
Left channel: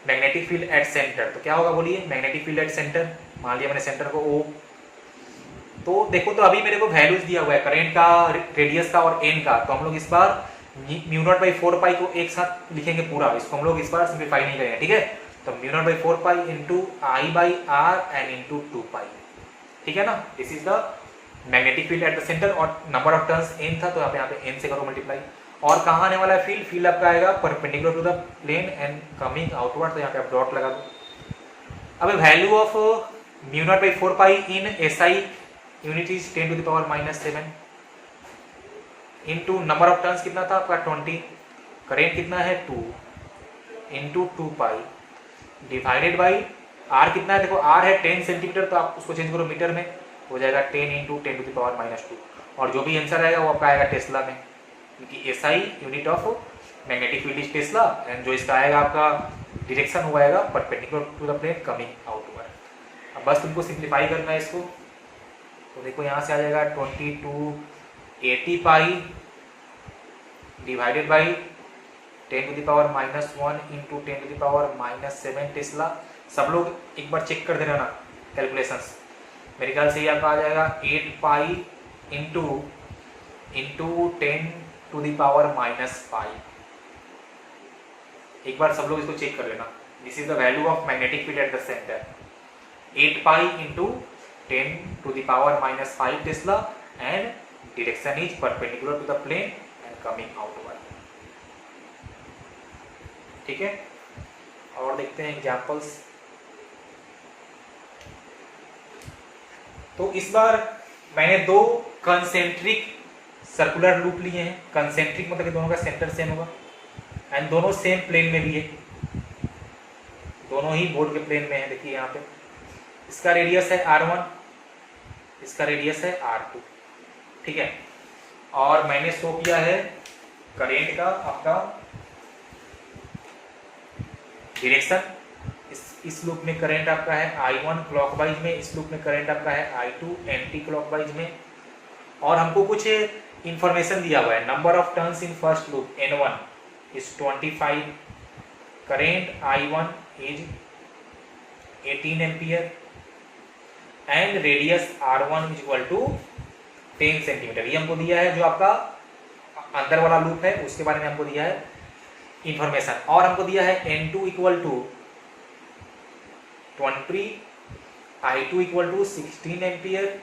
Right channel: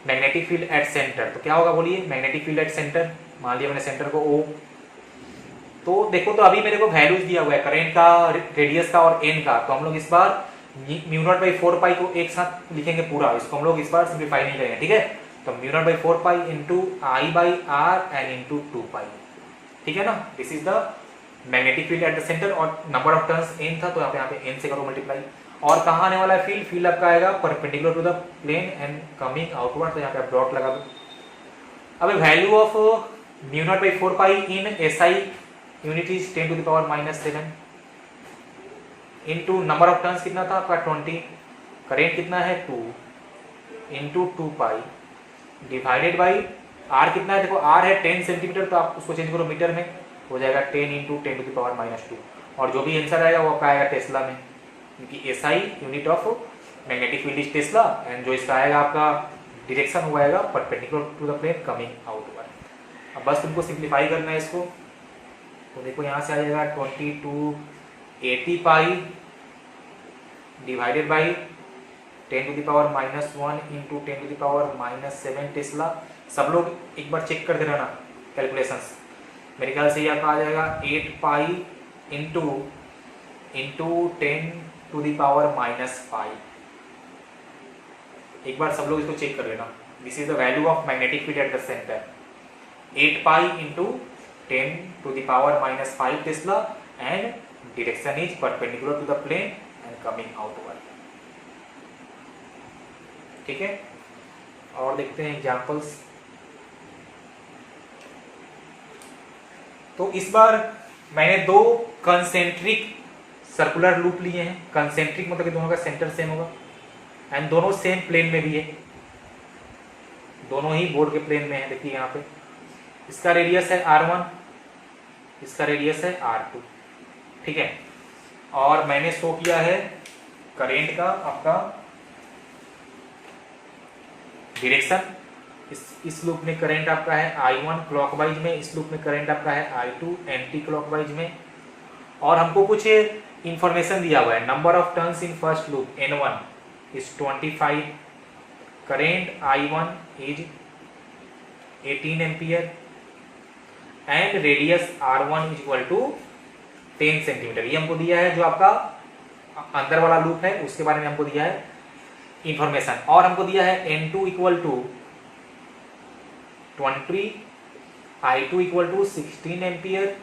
magnetic field at centre तो क्या होगा बोलिए, मैग्नेटिक फील्ड एट सेंटर, मान लिया मैंने सेंटर को O। तो देखो तो अभी मेरे को वैल्यूज दिया हुआ है करंट का, रेडियस का और एन का। तो हम लोग इस बार म्यू नॉट बाई 4 पाई को एक साथ लिखेंगे पूरा, इसको हम लोग इस बार सिंप्लीफाई नहीं करेंगे, ठीक है। तो mu not by 4 pi into I by are and into 2 pi, ठीक है ना। This is the magnetic field at the centre और नंबर ऑफ टर्न्स एन था तो यहाँ पे एन से करो मल्टीप्लाई। और कहाँ आने वाला है फील्ड, फील्ड आपका आएगा perpendicular to the plane and coming outward, तो यहाँ पे आप डॉट लगा दो। अब value of mu not by 4 pi in SI unit is 10 to the power -7 into number of turns कितना था आपका 20, करेंट कितना है 2 into 2 pi divided by R कितना है, देखो आर है 10 सेंटीमीटर तो आप उसको चेंज करो मीटर में, हो जाएगा 10 इंटू 10 टू द पावर -2 और जो भी आंसर आएगा वो आपका आएगा टेस्ला में, क्योंकि SI unit of magnetic field is tesla and जो इसका आएगा आपका डायरेक्शन हुआ आएगा perpendicular to the plane coming outward. अब बस तुमको सिंप्लीफाई करना है इसको। तो देखो यहाँ से आ जाएगा 2280 pi divided by 10 to the power -1 into 10 to the power -7 tesla. सब लोग एक बार चेक कर देना ना कैलकुलेशंस, मेरे ख्याल से ये आपका आ जाएगा 8 pi into 10 to the power -5। एक बार सब लोग इसको चेक कर लेना। This is the value of magnetic field at the centre, 8 pi into 10 to the power -5 tesla and direction is perpendicular to the plane and coming outward, ठीक है। और देखते हैं एग्जांपल्स। तो इस बार मैंने दो कंसेंट्रिक सर्कुलर लूप लिए हैं। कंसेंट्रिक मतलब कि दोनों का सेंटर सेम होगा एंड दोनों सेम प्लेन में भी है, दोनों ही बोर्ड के प्लेन में है। देखिए यहाँ पे इसका रेडियस है R1, इसका रेडियस है R2, ठीक है। और मैंने शो किया है करेंट का आपका डायरेक्शन, इस लूप में करंट आपका है I1 क्लॉकवाइज में, इस लूप में करंट आपका है I2 एंटी क्लॉकवाइज में। और हमको कुछ इंफॉर्मेशन दिया हुआ है, number of turns in first loop N1 is 25, current I1 is 18 ampere and radius R1 is equal to 10 centimetre. ये हमको दिया है, जो आपका अंदर वाला लूप है उसके बारे में हमको दिया है इंफॉर्मेशन। और हमको दिया है N2 equal to 20, I2 equal to 16 ampere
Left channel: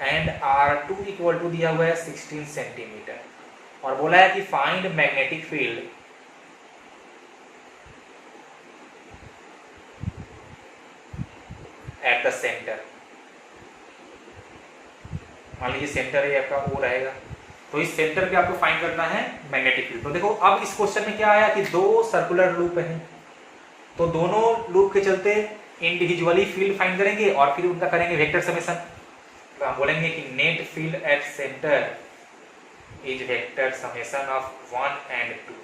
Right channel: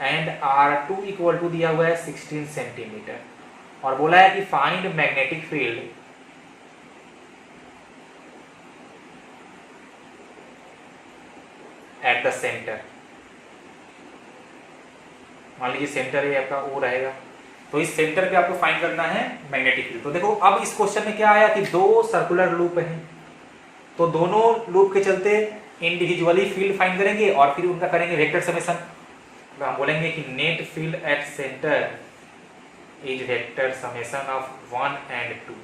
and R2 equal to दिया हुआ है 16 सेंटीमीटर। और बोला है कि find magnetic field at the centre. मान लीजिए सेंटर है आपका O रहेगा, तो इस सेंटर पे आपको फाइंड करना है मैग्नेटिक फील्ड। तो देखो अब इस क्वेश्चन में क्या आया कि दो सर्कुलर लूप हैं, तो दोनों लूप के चलते इंडिविजुअली फील्ड फाइंड करेंगे और फिर उनका करेंगे वेक्टर समेशन। तो हम बोलेंगे कि net field at centre is vector summation of 1 and 2।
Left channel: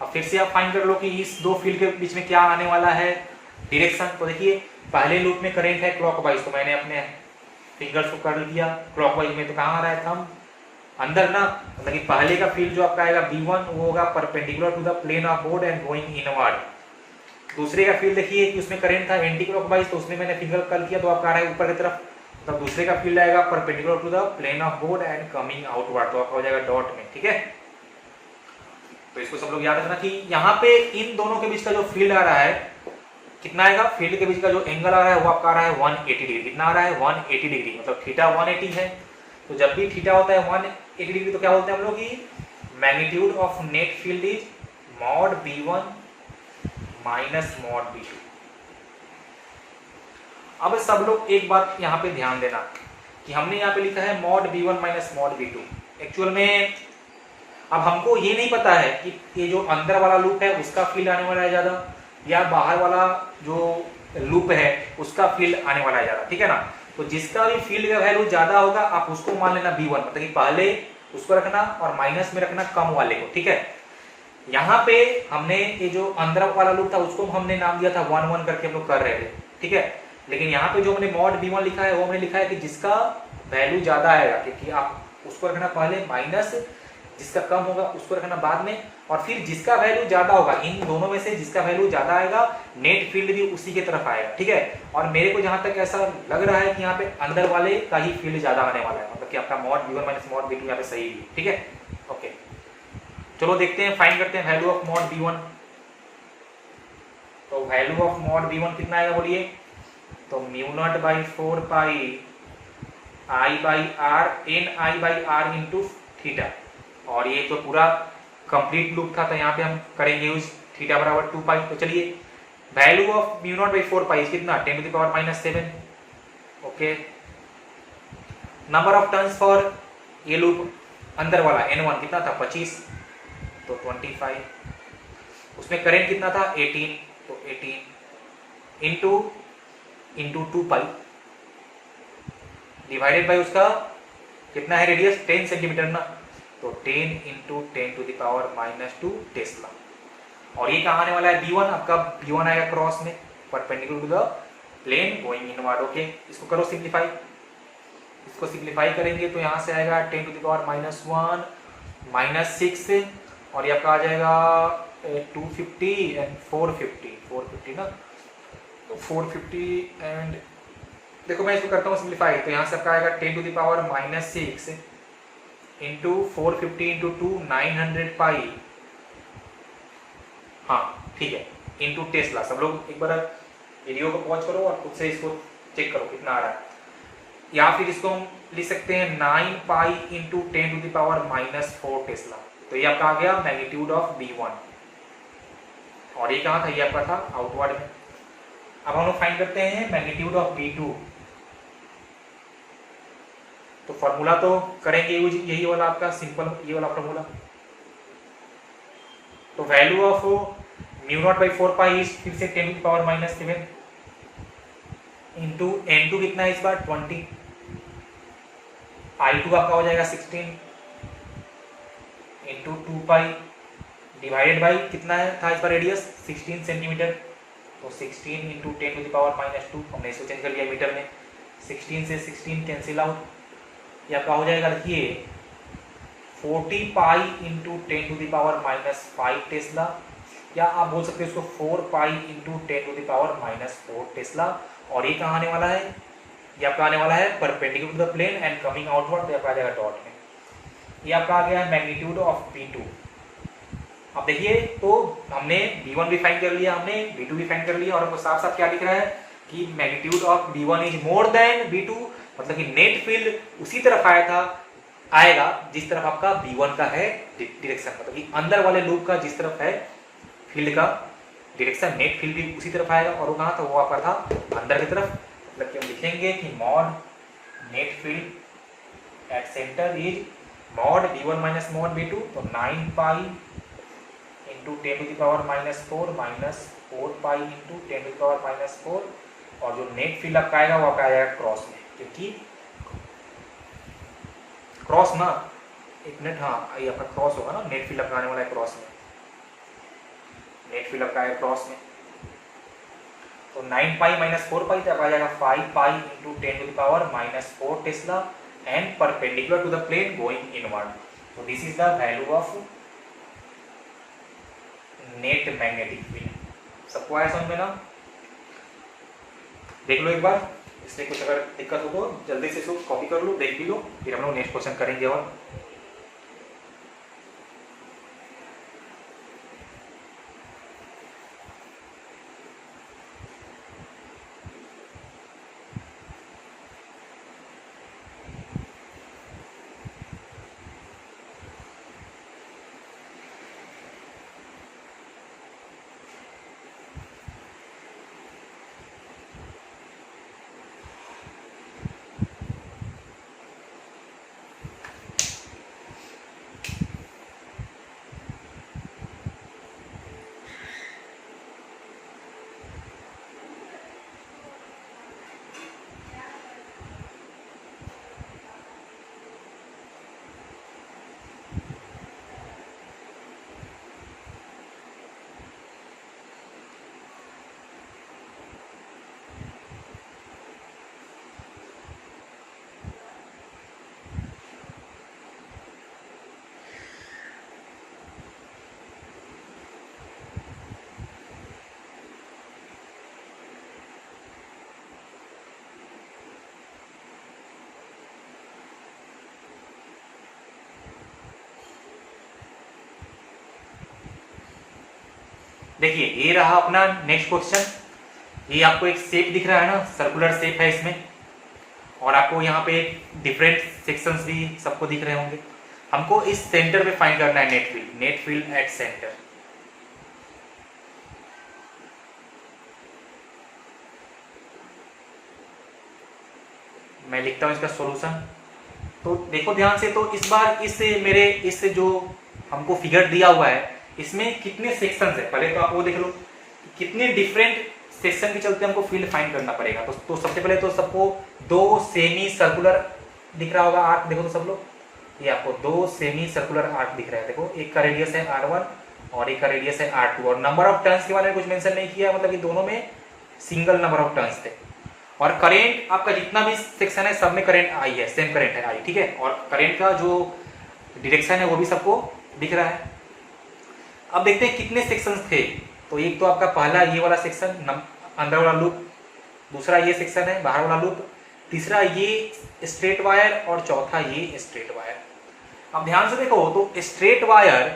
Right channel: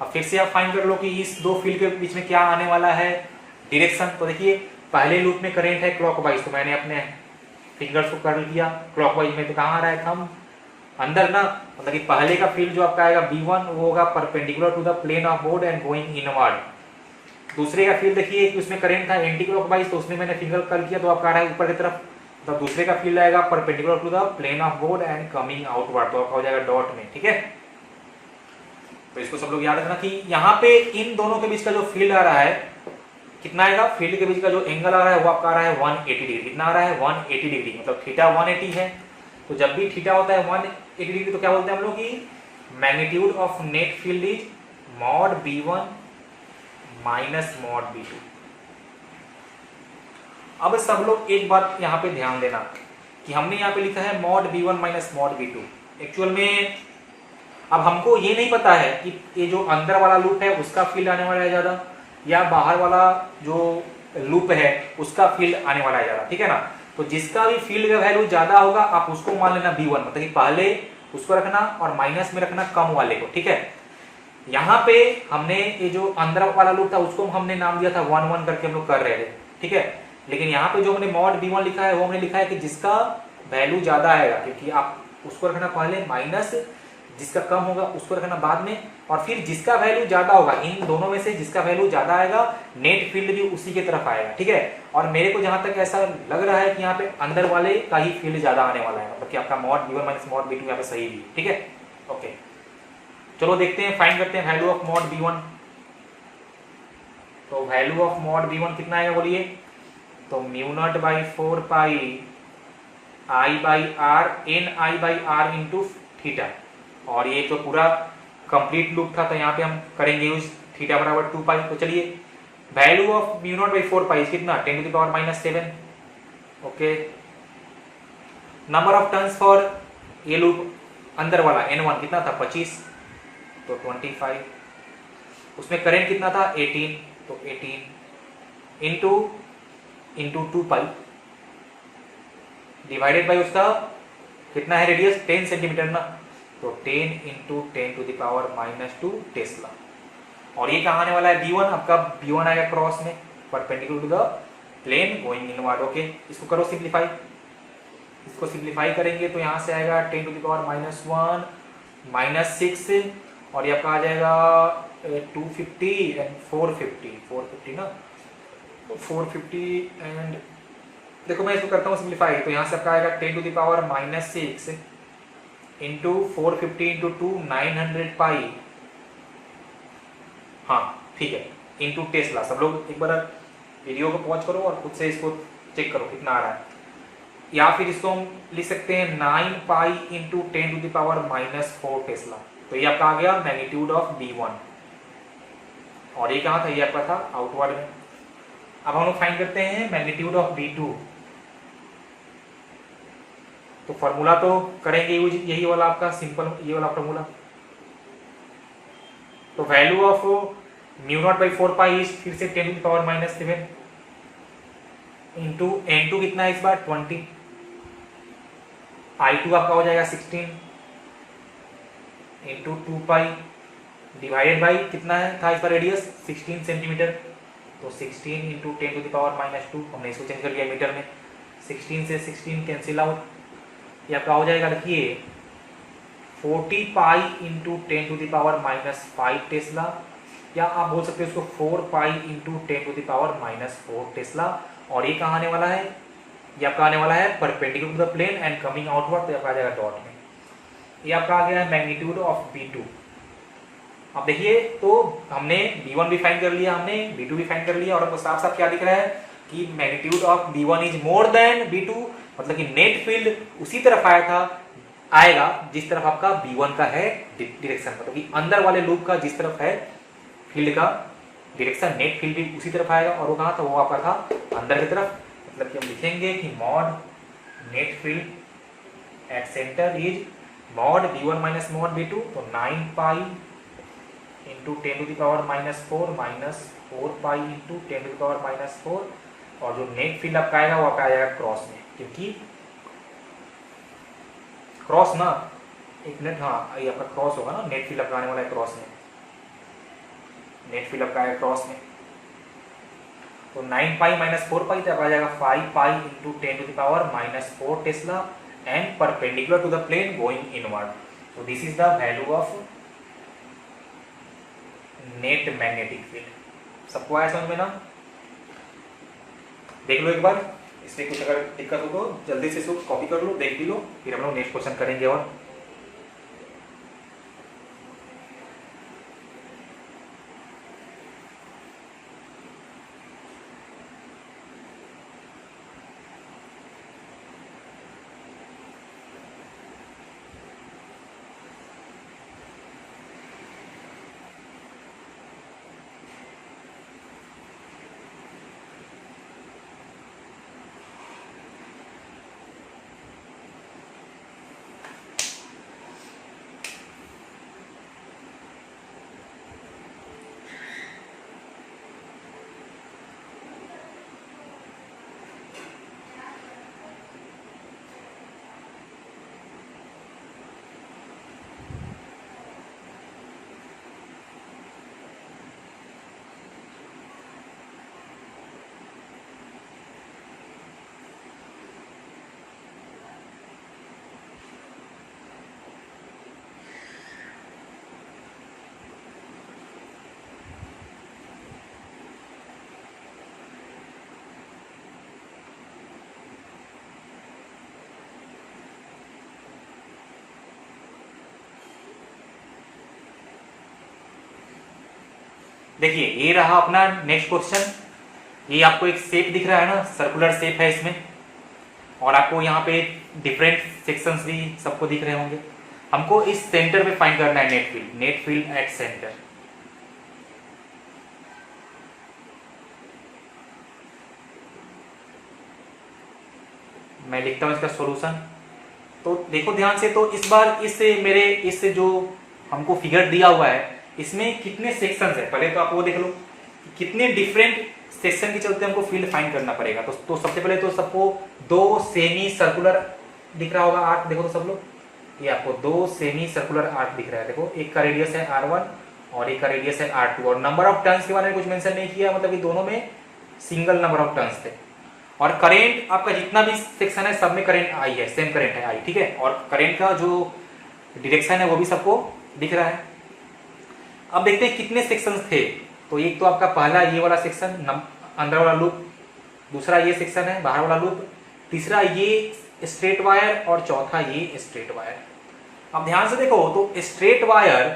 अब फिर से आप फाइंड कर लो कि इस दो फील्ड के बीच में क्या आने वाला है, डायरेक्शन। तो देखिए पहले लूप में करंट है क्लॉकवाइज, तो मैंने अपने फिंगर्स को कर लिया क्लॉकवाइज में, तो कहाँ आ रहा है थंब अंदर ना, मतलब कि पहले का फील्ड जो आपका आएगा B1 वो होगा perpendicular to the plane of board and going inward. दूसरे का फील्ड देखिए कि उसमें करंट था एंटी क्लॉकवाइज, तो उसमें मैंने फिंगर कर लिया तो आपका आ रहा है ऊपर की तरफ। तो दूसरे का फील्ड आएगा perpendicular to the plane of board and coming outward, तो आपका हो जाएगा डॉट में, ठीक है। तो इसको सब लोग याद रखना कि यहाँ पे इन दोनों के बीच का जो फील्ड आ रहा है कितना आएगा, फील्ड के बीच का जो एंगल आ रहा है वो आपका आ रहा है 180 डिग्री। कितना आ रहा है 180 डिग्री, मतलब थीटा 180 है। तो जब भी थीटा होता है 180 डिग्री तो क्या बोलते हैं हम लोग कि magnitude of net field is mod B1 minus mod B2। अब सब लोग एक बात यहाँ पे ध्यान देना कि हमने यहाँ पे लिखा है mod B1 minus mod B2। Actual में अब हमको ये नहीं पता है कि ये जो अंदर वाला लूप है उसका फील्ड आने वाला है ज्यादा या बाहर वाला जो लूप है उसका फील्ड आने वाला है ज्यादा, ठीक है ना। तो जिसका भी फील्ड का वैल्यू ज्यादा होगा आप उसको मान लेना B1, मतलब कि पहले उसको रखना और माइनस में रखना कम वाले को, ठीक है। यहाँ पे हमने ये जो अंदर वाला लूप था उसको हमने नाम दिया था 1 1 करके हम लोग कर रहे थे, ठीक है। लेकिन यहाँ पे जो हमने मॉड b1 लिखा है वो हमने लिखा है कि जिसका वैल्यू ज्यादा आएगा, क्योंकि आप उसको रखना पहले माइनस, जिसका कम होगा उसको रखना बाद में, और फिर जिसका वैल्यू ज्यादा होगा इन दोनों में से जिसका वैल्यू ज्यादा आएगा नेट फील्ड भी उसी की तरफ आएगा, ठीक है। और मेरे को जहां तक ऐसा लग रहा है कि यहाँ पे अंदर वाले का ही फील्ड ज्यादा आने वाला है, मतलब कि आपका mod b1 minus mod b2 यहाँ पे सही भी, ठीक है। ओके, चलो देखते हैं, फाइंड करते हैं वैल्यू ऑफ मॉड b1। तो वैल्यू ऑफ मॉड b1 कितना आएगा बोलिए, तो mu not by 4 pi I by R N I by R into theta. और ये तो पूरा कंप्लीट लूप था, तो यहाँ पे हम करेंगे यूज थीटा बराबर 2 पाई। तो चलिए value of mu not by 4 pi कितना 10 to the power minus 7। Okay, number of turns for ये लूप अंदर वाला n1 कितना था 25, तो 25। उसमें करंट कितना था 18, तो 18 इंटू 2 पाई डिवाइडेड बाई उसका कितना है रेडियस 10 सेंटीमीटर ना, तो 10 into 10 to the power minus 2 tesla. और ये कहाँ आने वाला है b1, आपका b1 आएगा क्रॉस में perpendicular to the plane going inward. Okay, इसको करो सिंप्लीफाई, इसको सिंप्लीफाई करेंगे तो यहाँ से आएगा 10 to the power minus 1 minus 6, और ये आपका आ जाएगा 250 एंड 450 ना, तो 450 एंड देखो मैं इसको करता हूँ सिंप्लीफाई, तो यहाँ से आपका आएगा 10 to the power minus 6 into 450 into 2 900 pi, हाँ ठीक है, इंटू टेस्ला। सब लोग एक बार वीडियो को पॉज करो और खुद से इसको चेक करो कितना आ रहा है। या फिर इसको हम लिख सकते हैं 9 pi into 10 to the power minus 4 tesla. तो ये आपका आ गया मैग्नीट्यूड ऑफ b1, और ये कहाँ था, ये आपका था आउटवर्ड में। अब हम लोग फाइंड करते हैं मैग्नीट्यूड ऑफ b2। तो फॉर्मूला तो करेंगे यूज यही वाला आपका सिंपल, ये वाला फॉर्मूला। तो value of mu not by 4 pi is फिर से 10 to the power minus 7 into n2 कितना है इस बार 20, i2 आपका हो जाएगा 16 इंटू 2 पाई डिवाइडेड बाई कितना है था इस बार रेडियस 16 सेंटीमीटर, तो 16 into 10 to the power minus 2, हमने इसको चेंज कर लिया मीटर में, 16 से 16 कैंसिल आउट, ये आपका हो जाएगा देखिए 40 pi into 10 to the power minus 5 tesla, या आप बोल सकते हो इसको 4 pi into 10 to the power minus 4 tesla. और ये कहाँ आने वाला है, ये आपका आने वाला है perpendicular to the plane and coming outward, तो आपका आ जाएगा डॉट में। ये आपका आ गया है मैग्नीट्यूड ऑफ b2। अब देखिए तो हमने b1 भी फाइंड कर लिया, हमने b2 भी फाइंड कर लिया, और हमको साफ साफ क्या दिख रहा है कि magnitude of b1 is more than b2, मतलब कि नेट फील्ड उसी तरफ आएगा जिस तरफ आपका b1 का है डायरेक्शन, मतलब कि अंदर वाले लूप का जिस तरफ है फील्ड का डायरेक्शन, नेट फील्ड भी उसी तरफ आएगा। और वो कहाँ था, वो आपका था अंदर की तरफ, मतलब कि हम लिखेंगे कि mod net field at centre is mod b1 minus mod b2, तो 9 pi into 10 to the power minus 4 minus 4 pi into 10 to the power minus 4, और जो नेट फील्ड आपका आएगा वो आपका आएगा क्रॉस में, क्योंकि क्रॉस ना, एक मिनट, हाँ ये आपका क्रॉस होगा ना, नेट फील्ड आपका आने वाला है क्रॉस में, नेट फील्ड आपका आएगा क्रॉस में, तो 9 पाई माइनस 4 पाई तक आ जाएगा 5 pi into 10 to the power minus 4 tesla and perpendicular to the plane going inward. So this is the value of net magnetic field। सबको आया समझ में ना? देख लो एक बार, इसमें कुछ अगर दिक्कत हो तो जल्दी से इसको कॉपी कर लो, देख भी लो, फिर हम लोग नेक्स्ट क्वेश्चन करेंगे। और देखिए ये रहा अपना नेक्स्ट क्वेश्चन। ये आपको एक शेप दिख रहा है ना, सर्कुलर शेप है इसमें, और आपको यहाँ पे डिफरेंट सेक्शंस भी सबको दिख रहे होंगे। हमको इस सेंटर पे फाइंड करना है नेट फील्ड एट सेंटर। मैं लिखता हूं इसका सॉल्यूशन। तो देखो ध्यान से, तो इस बार इस जो हमको फिगर दिया हुआ है इसमें कितने सेक्शंस है, पहले तो आप वो देख लो कितने डिफरेंट सेक्शन के चलते हमको फील्ड फाइंड करना पड़ेगा। तो सबसे पहले तो सबको दो सेमी सर्कुलर दिख रहा होगा आर्क, देखो तो सब लोग, ये आपको दो सेमी सर्कुलर आर्क दिख रहा है। देखो एक का रेडियस है R1 और एक का रेडियस है R2, और नंबर ऑफ टर्न्स के बारे में कुछ मेंशन नहीं किया, मतलब कि दोनों में सिंगल नंबर ऑफ टर्न्स थे। और करेंट आपका जितना भी सेक्शन है सब में करेंट आई है, सेम करेंट है आई, ठीक है। और करेंट का जो डायरेक्शन है वो भी सबको दिख रहा है। अब देखते हैं कितने सेक्शंस थे। तो एक तो आपका पहला ये वाला सेक्शन अंदर वाला लूप, दूसरा ये सेक्शन है बाहर वाला लूप, तीसरा ये स्ट्रेट वायर और चौथा ये स्ट्रेट वायर। अब ध्यान से देखो तो स्ट्रेट वायर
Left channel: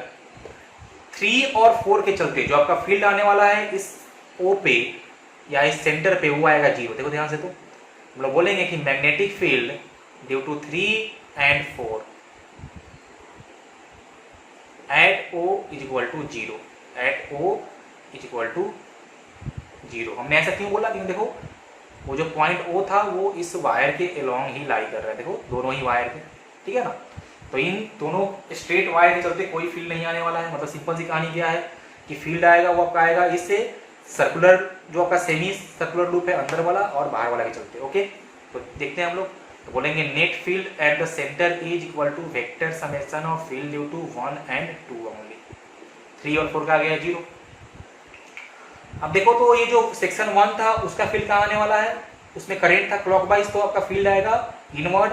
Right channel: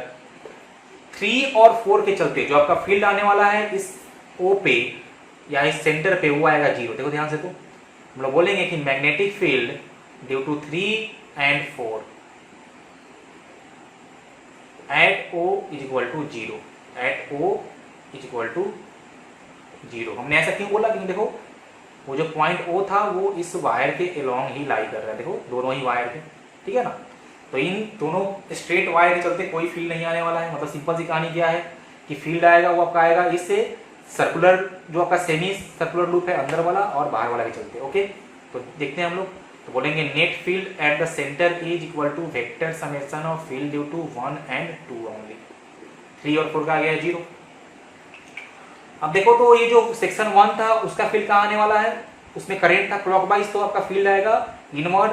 3 और 4 के चलते जो आपका फील्ड आने वाला है इस O पे या इस सेंटर पे वो आएगा 0। देखो ध्यान से, तो हम लोग बोलेंगे कि magnetic field due to 3 and 4 at O is equal to 0, at O is equal to 0। हमने ऐसा क्यों बोला, क्योंकि देखो वो जो पॉइंट O था वो इस वायर के अलोंग ही लाई कर रहा है, देखो दोनों ही वायर के, ठीक है ना। तो इन दोनों स्ट्रेट वायर के चलते कोई फील्ड नहीं आने वाला है। मतलब सिंपल सी कहानी क्या है कि फील्ड आएगा वो आपका आएगा इससे सर्कुलर जो आपका सेमी सर्कुलर लूप है अंदर वाला और बाहर वाला के चलते। ओके, तो देखते हैं हम लोग। तो बोलेंगे net field at the centre is equal to vector summation of field due to 1 and 2 only. 3 और 4 का आ गया 0। अब देखो तो ये जो सेक्शन 1 था उसका फील्ड कहाँ आने वाला है, उसमें करंट था क्लॉकवाइज, तो आपका फील्ड आएगा inward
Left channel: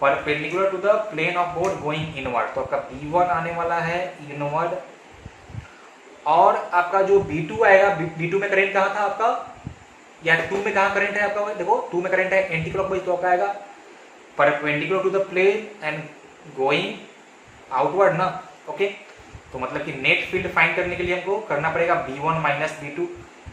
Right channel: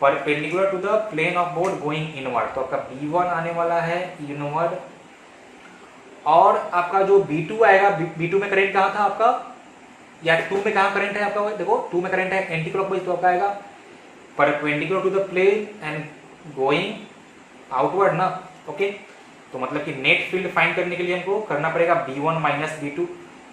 perpendicular to the plane of board going inward. तो आपका B1 आने वाला है इनवर्ड, और आपका जो B2 आएगा, B2 में करंट कहाँ था आपका, या 2 में कहाँ करंट है आपका, देखो 2 में करंट है एंटी क्लॉकवाइज, तो आपका आएगा perpendicular to the plane and going outward ना। ओके, तो मतलब कि नेट फील्ड फाइंड करने के लिए हमको करना पड़ेगा B1 माइनस B2।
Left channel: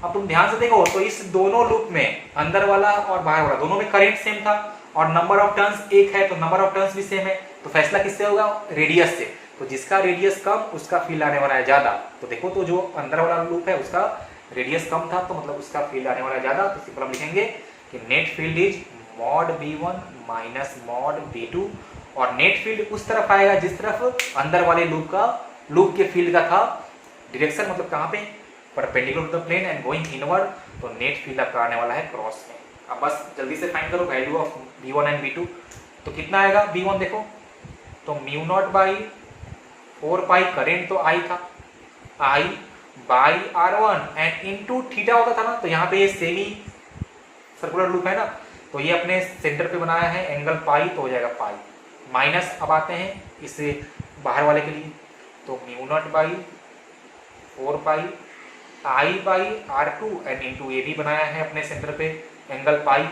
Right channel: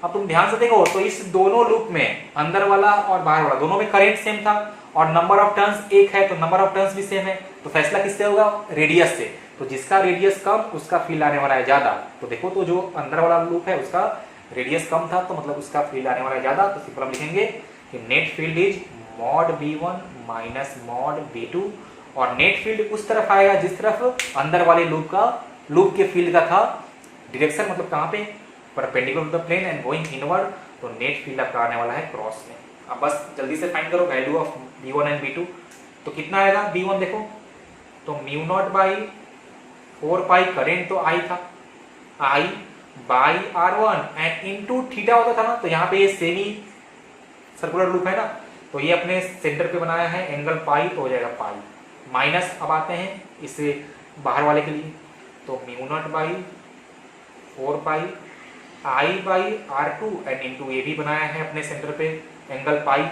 अब तुम ध्यान से देखो तो इस दोनों लूप में अंदर वाला और बाहर वाला दोनों में करंट सेम था और नंबर ऑफ टर्न्स एक है, तो नंबर ऑफ टर्न्स भी सेम है। तो फैसला किससे होगा, रेडियस से। तो जिसका रेडियस कम उसका फील्ड आने वाला है ज्यादा। तो देखो तो जो अंदर वाला लूप है उसका रेडियस कम था, तो मतलब उसका फील्ड आने वाला है ज्यादा। तो सिंपल हम लिखेंगे कि net field is mod B1 minus mod B2, और नेट फील्ड उस तरफ आएगा जिस तरफ अंदर वाले लूप के फील्ड का था डायरेक्शन, मतलब कहाँ पे, perpendicular to the plane and going inward. तो नेट फील्ड आपका आने वाला है क्रॉस में। अब बस जल्दी से फाइंड करो value of B1 and B2। तो कितना आएगा B1 देखो तो mu not by 4 pi, current तो I था, I by R1 and into theta होता था ना। तो यहाँ पे ये सेमी सर्कुलर लूप है ना, तो ये अपने सेंटर पे बनाया है एंगल पाई, तो हो जाएगा पाई माइनस। अब आते हैं इससे बाहर वाले के लिए, तो mu not by 4 pi I by R2 and into ये भी बनाया है अपने सेंटर पे एंगल पाई,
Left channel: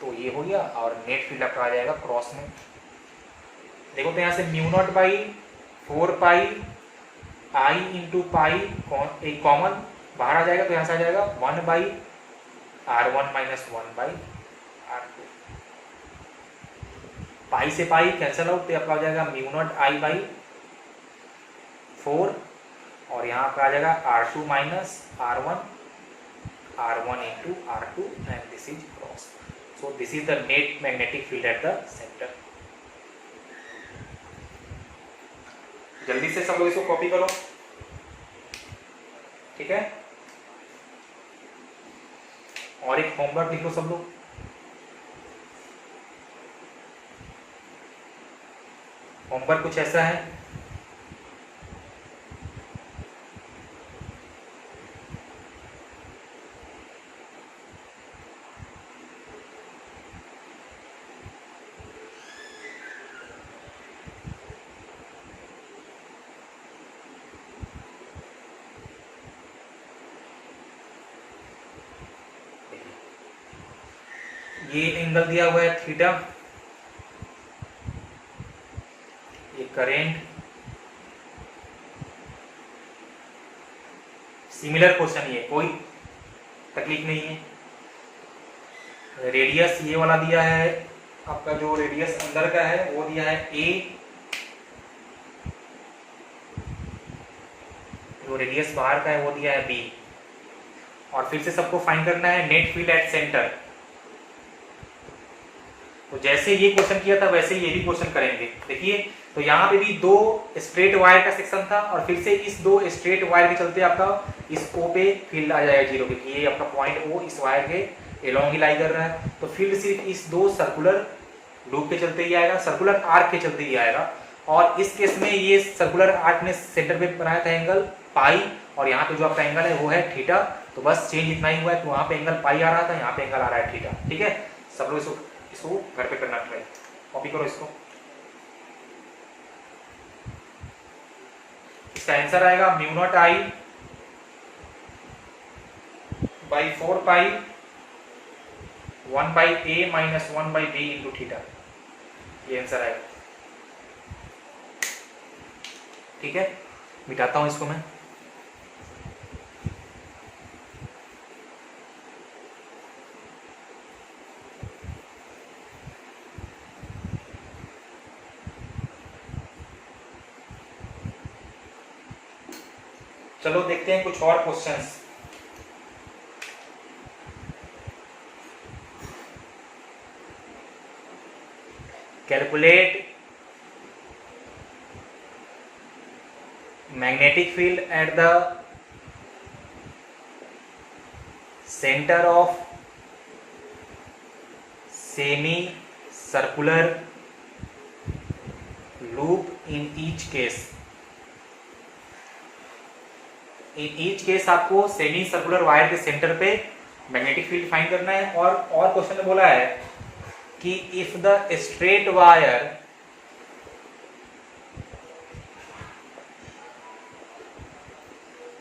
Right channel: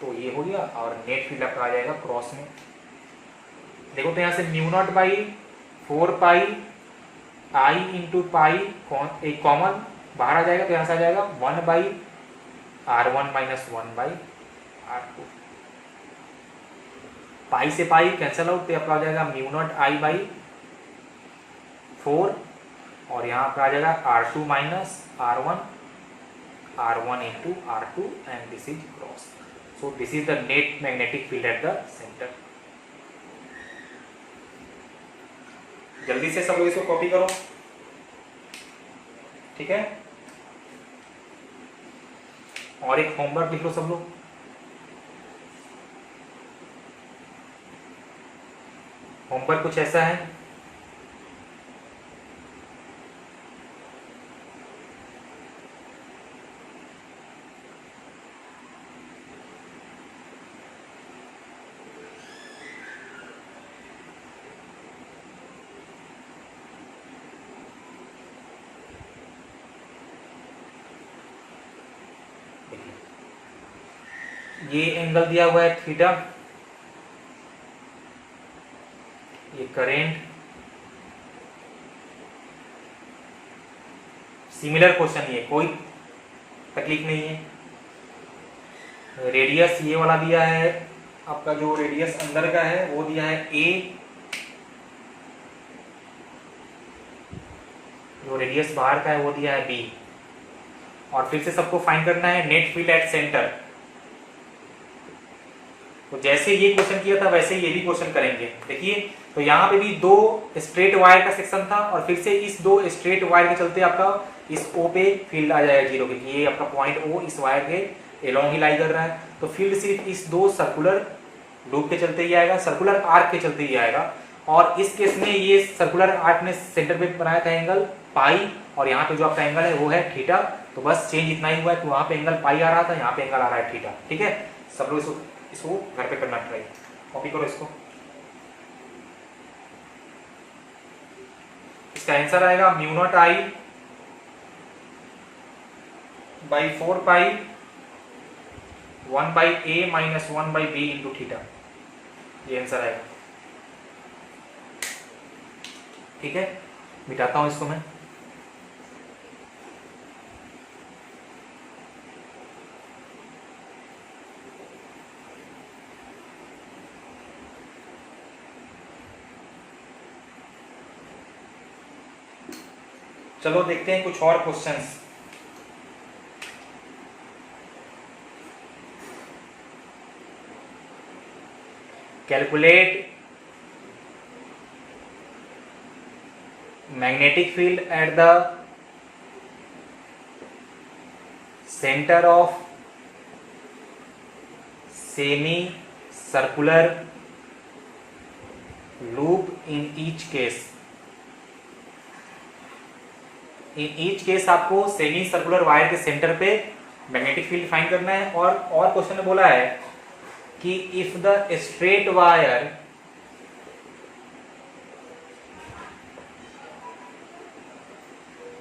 तो ये हो गया। और नेट फील्ड आपका आ जाएगा क्रॉस में। देखो तो यहाँ से mu naught by 4 pi I into pi एक कॉमन बाहर आ जाएगा, तो यहाँ से आ जाएगा 1 by R1 minus 1 by R2। पाई से पाई कैंसल आउट, तो आपका आ जाएगा म्यू नॉट I बाई 4, और यहाँ का आ जाएगा R2 minus R1 into R2 and this is cross. So this is the net magnetic field at the centre. जल्दी से सब लोग इसको कॉपी करो, ठीक है। और एक होमवर्क लिख लो सब लोग। होमवर्क कुछ ऐसा है, ये एंगल दिया हुआ है थीटा, ये करेंट सिमिलर क्वेश्चन, ये कोई तकलीफ नहीं है। रेडियस ये वाला दिया है आपका, जो रेडियस अंदर का है वो दिया है ए, जो रेडियस बाहर का है वो दिया है बी, और फिर से सबको फाइंड करना है नेट फील्ड एट सेंटर। तो जैसे ये क्वेश्चन किया था वैसे ये भी क्वेश्चन करेंगे। देखिए, तो यहाँ पे भी दो स्ट्रेट वायर का सेक्शन था, और फिर से इस दो स्ट्रेट वायर के चलते आपका इस ओ पे फील्ड आ जाएगा 0 के, ये आपका पॉइंट ओ इस वायर के एलोंग ही लाई कर रहा है। तो फील्ड सिर्फ इस दो सर्कुलर लूप के चलते ही आएगा, सर्कुलर आर्क के चलते ही आएगा। और इस केस में ये सर्कुलर आर्क ने सेंटर पे बनाया था एंगल पाई, और यहाँ पे जो आपका एंगल है वो है थीटा। तो बस चेंज इतना ही हुआ है कि वहां पे एंगल पाई आ रहा था, यहाँ पे एंगल आ रहा है थीटा। ठीक है, सब लोग इसको घर पे करना ट्राई, कॉपी करो इसको। इसका आंसर आएगा mu naught I by 4 pi 1 by A minus 1 by B into theta, ये आंसर आएगा। ठीक है, मिटाता हूं इसको मैं। चलो देखते हैं कुछ और questions. Calculate magnetic field at the center of semi-circular loop in each case। in each case आपको सेमी सर्कुलर वायर के सेंटर पे मैग्नेटिक फील्ड फाइंड करना है। और क्वेश्चन में बोला है कि if the straight wire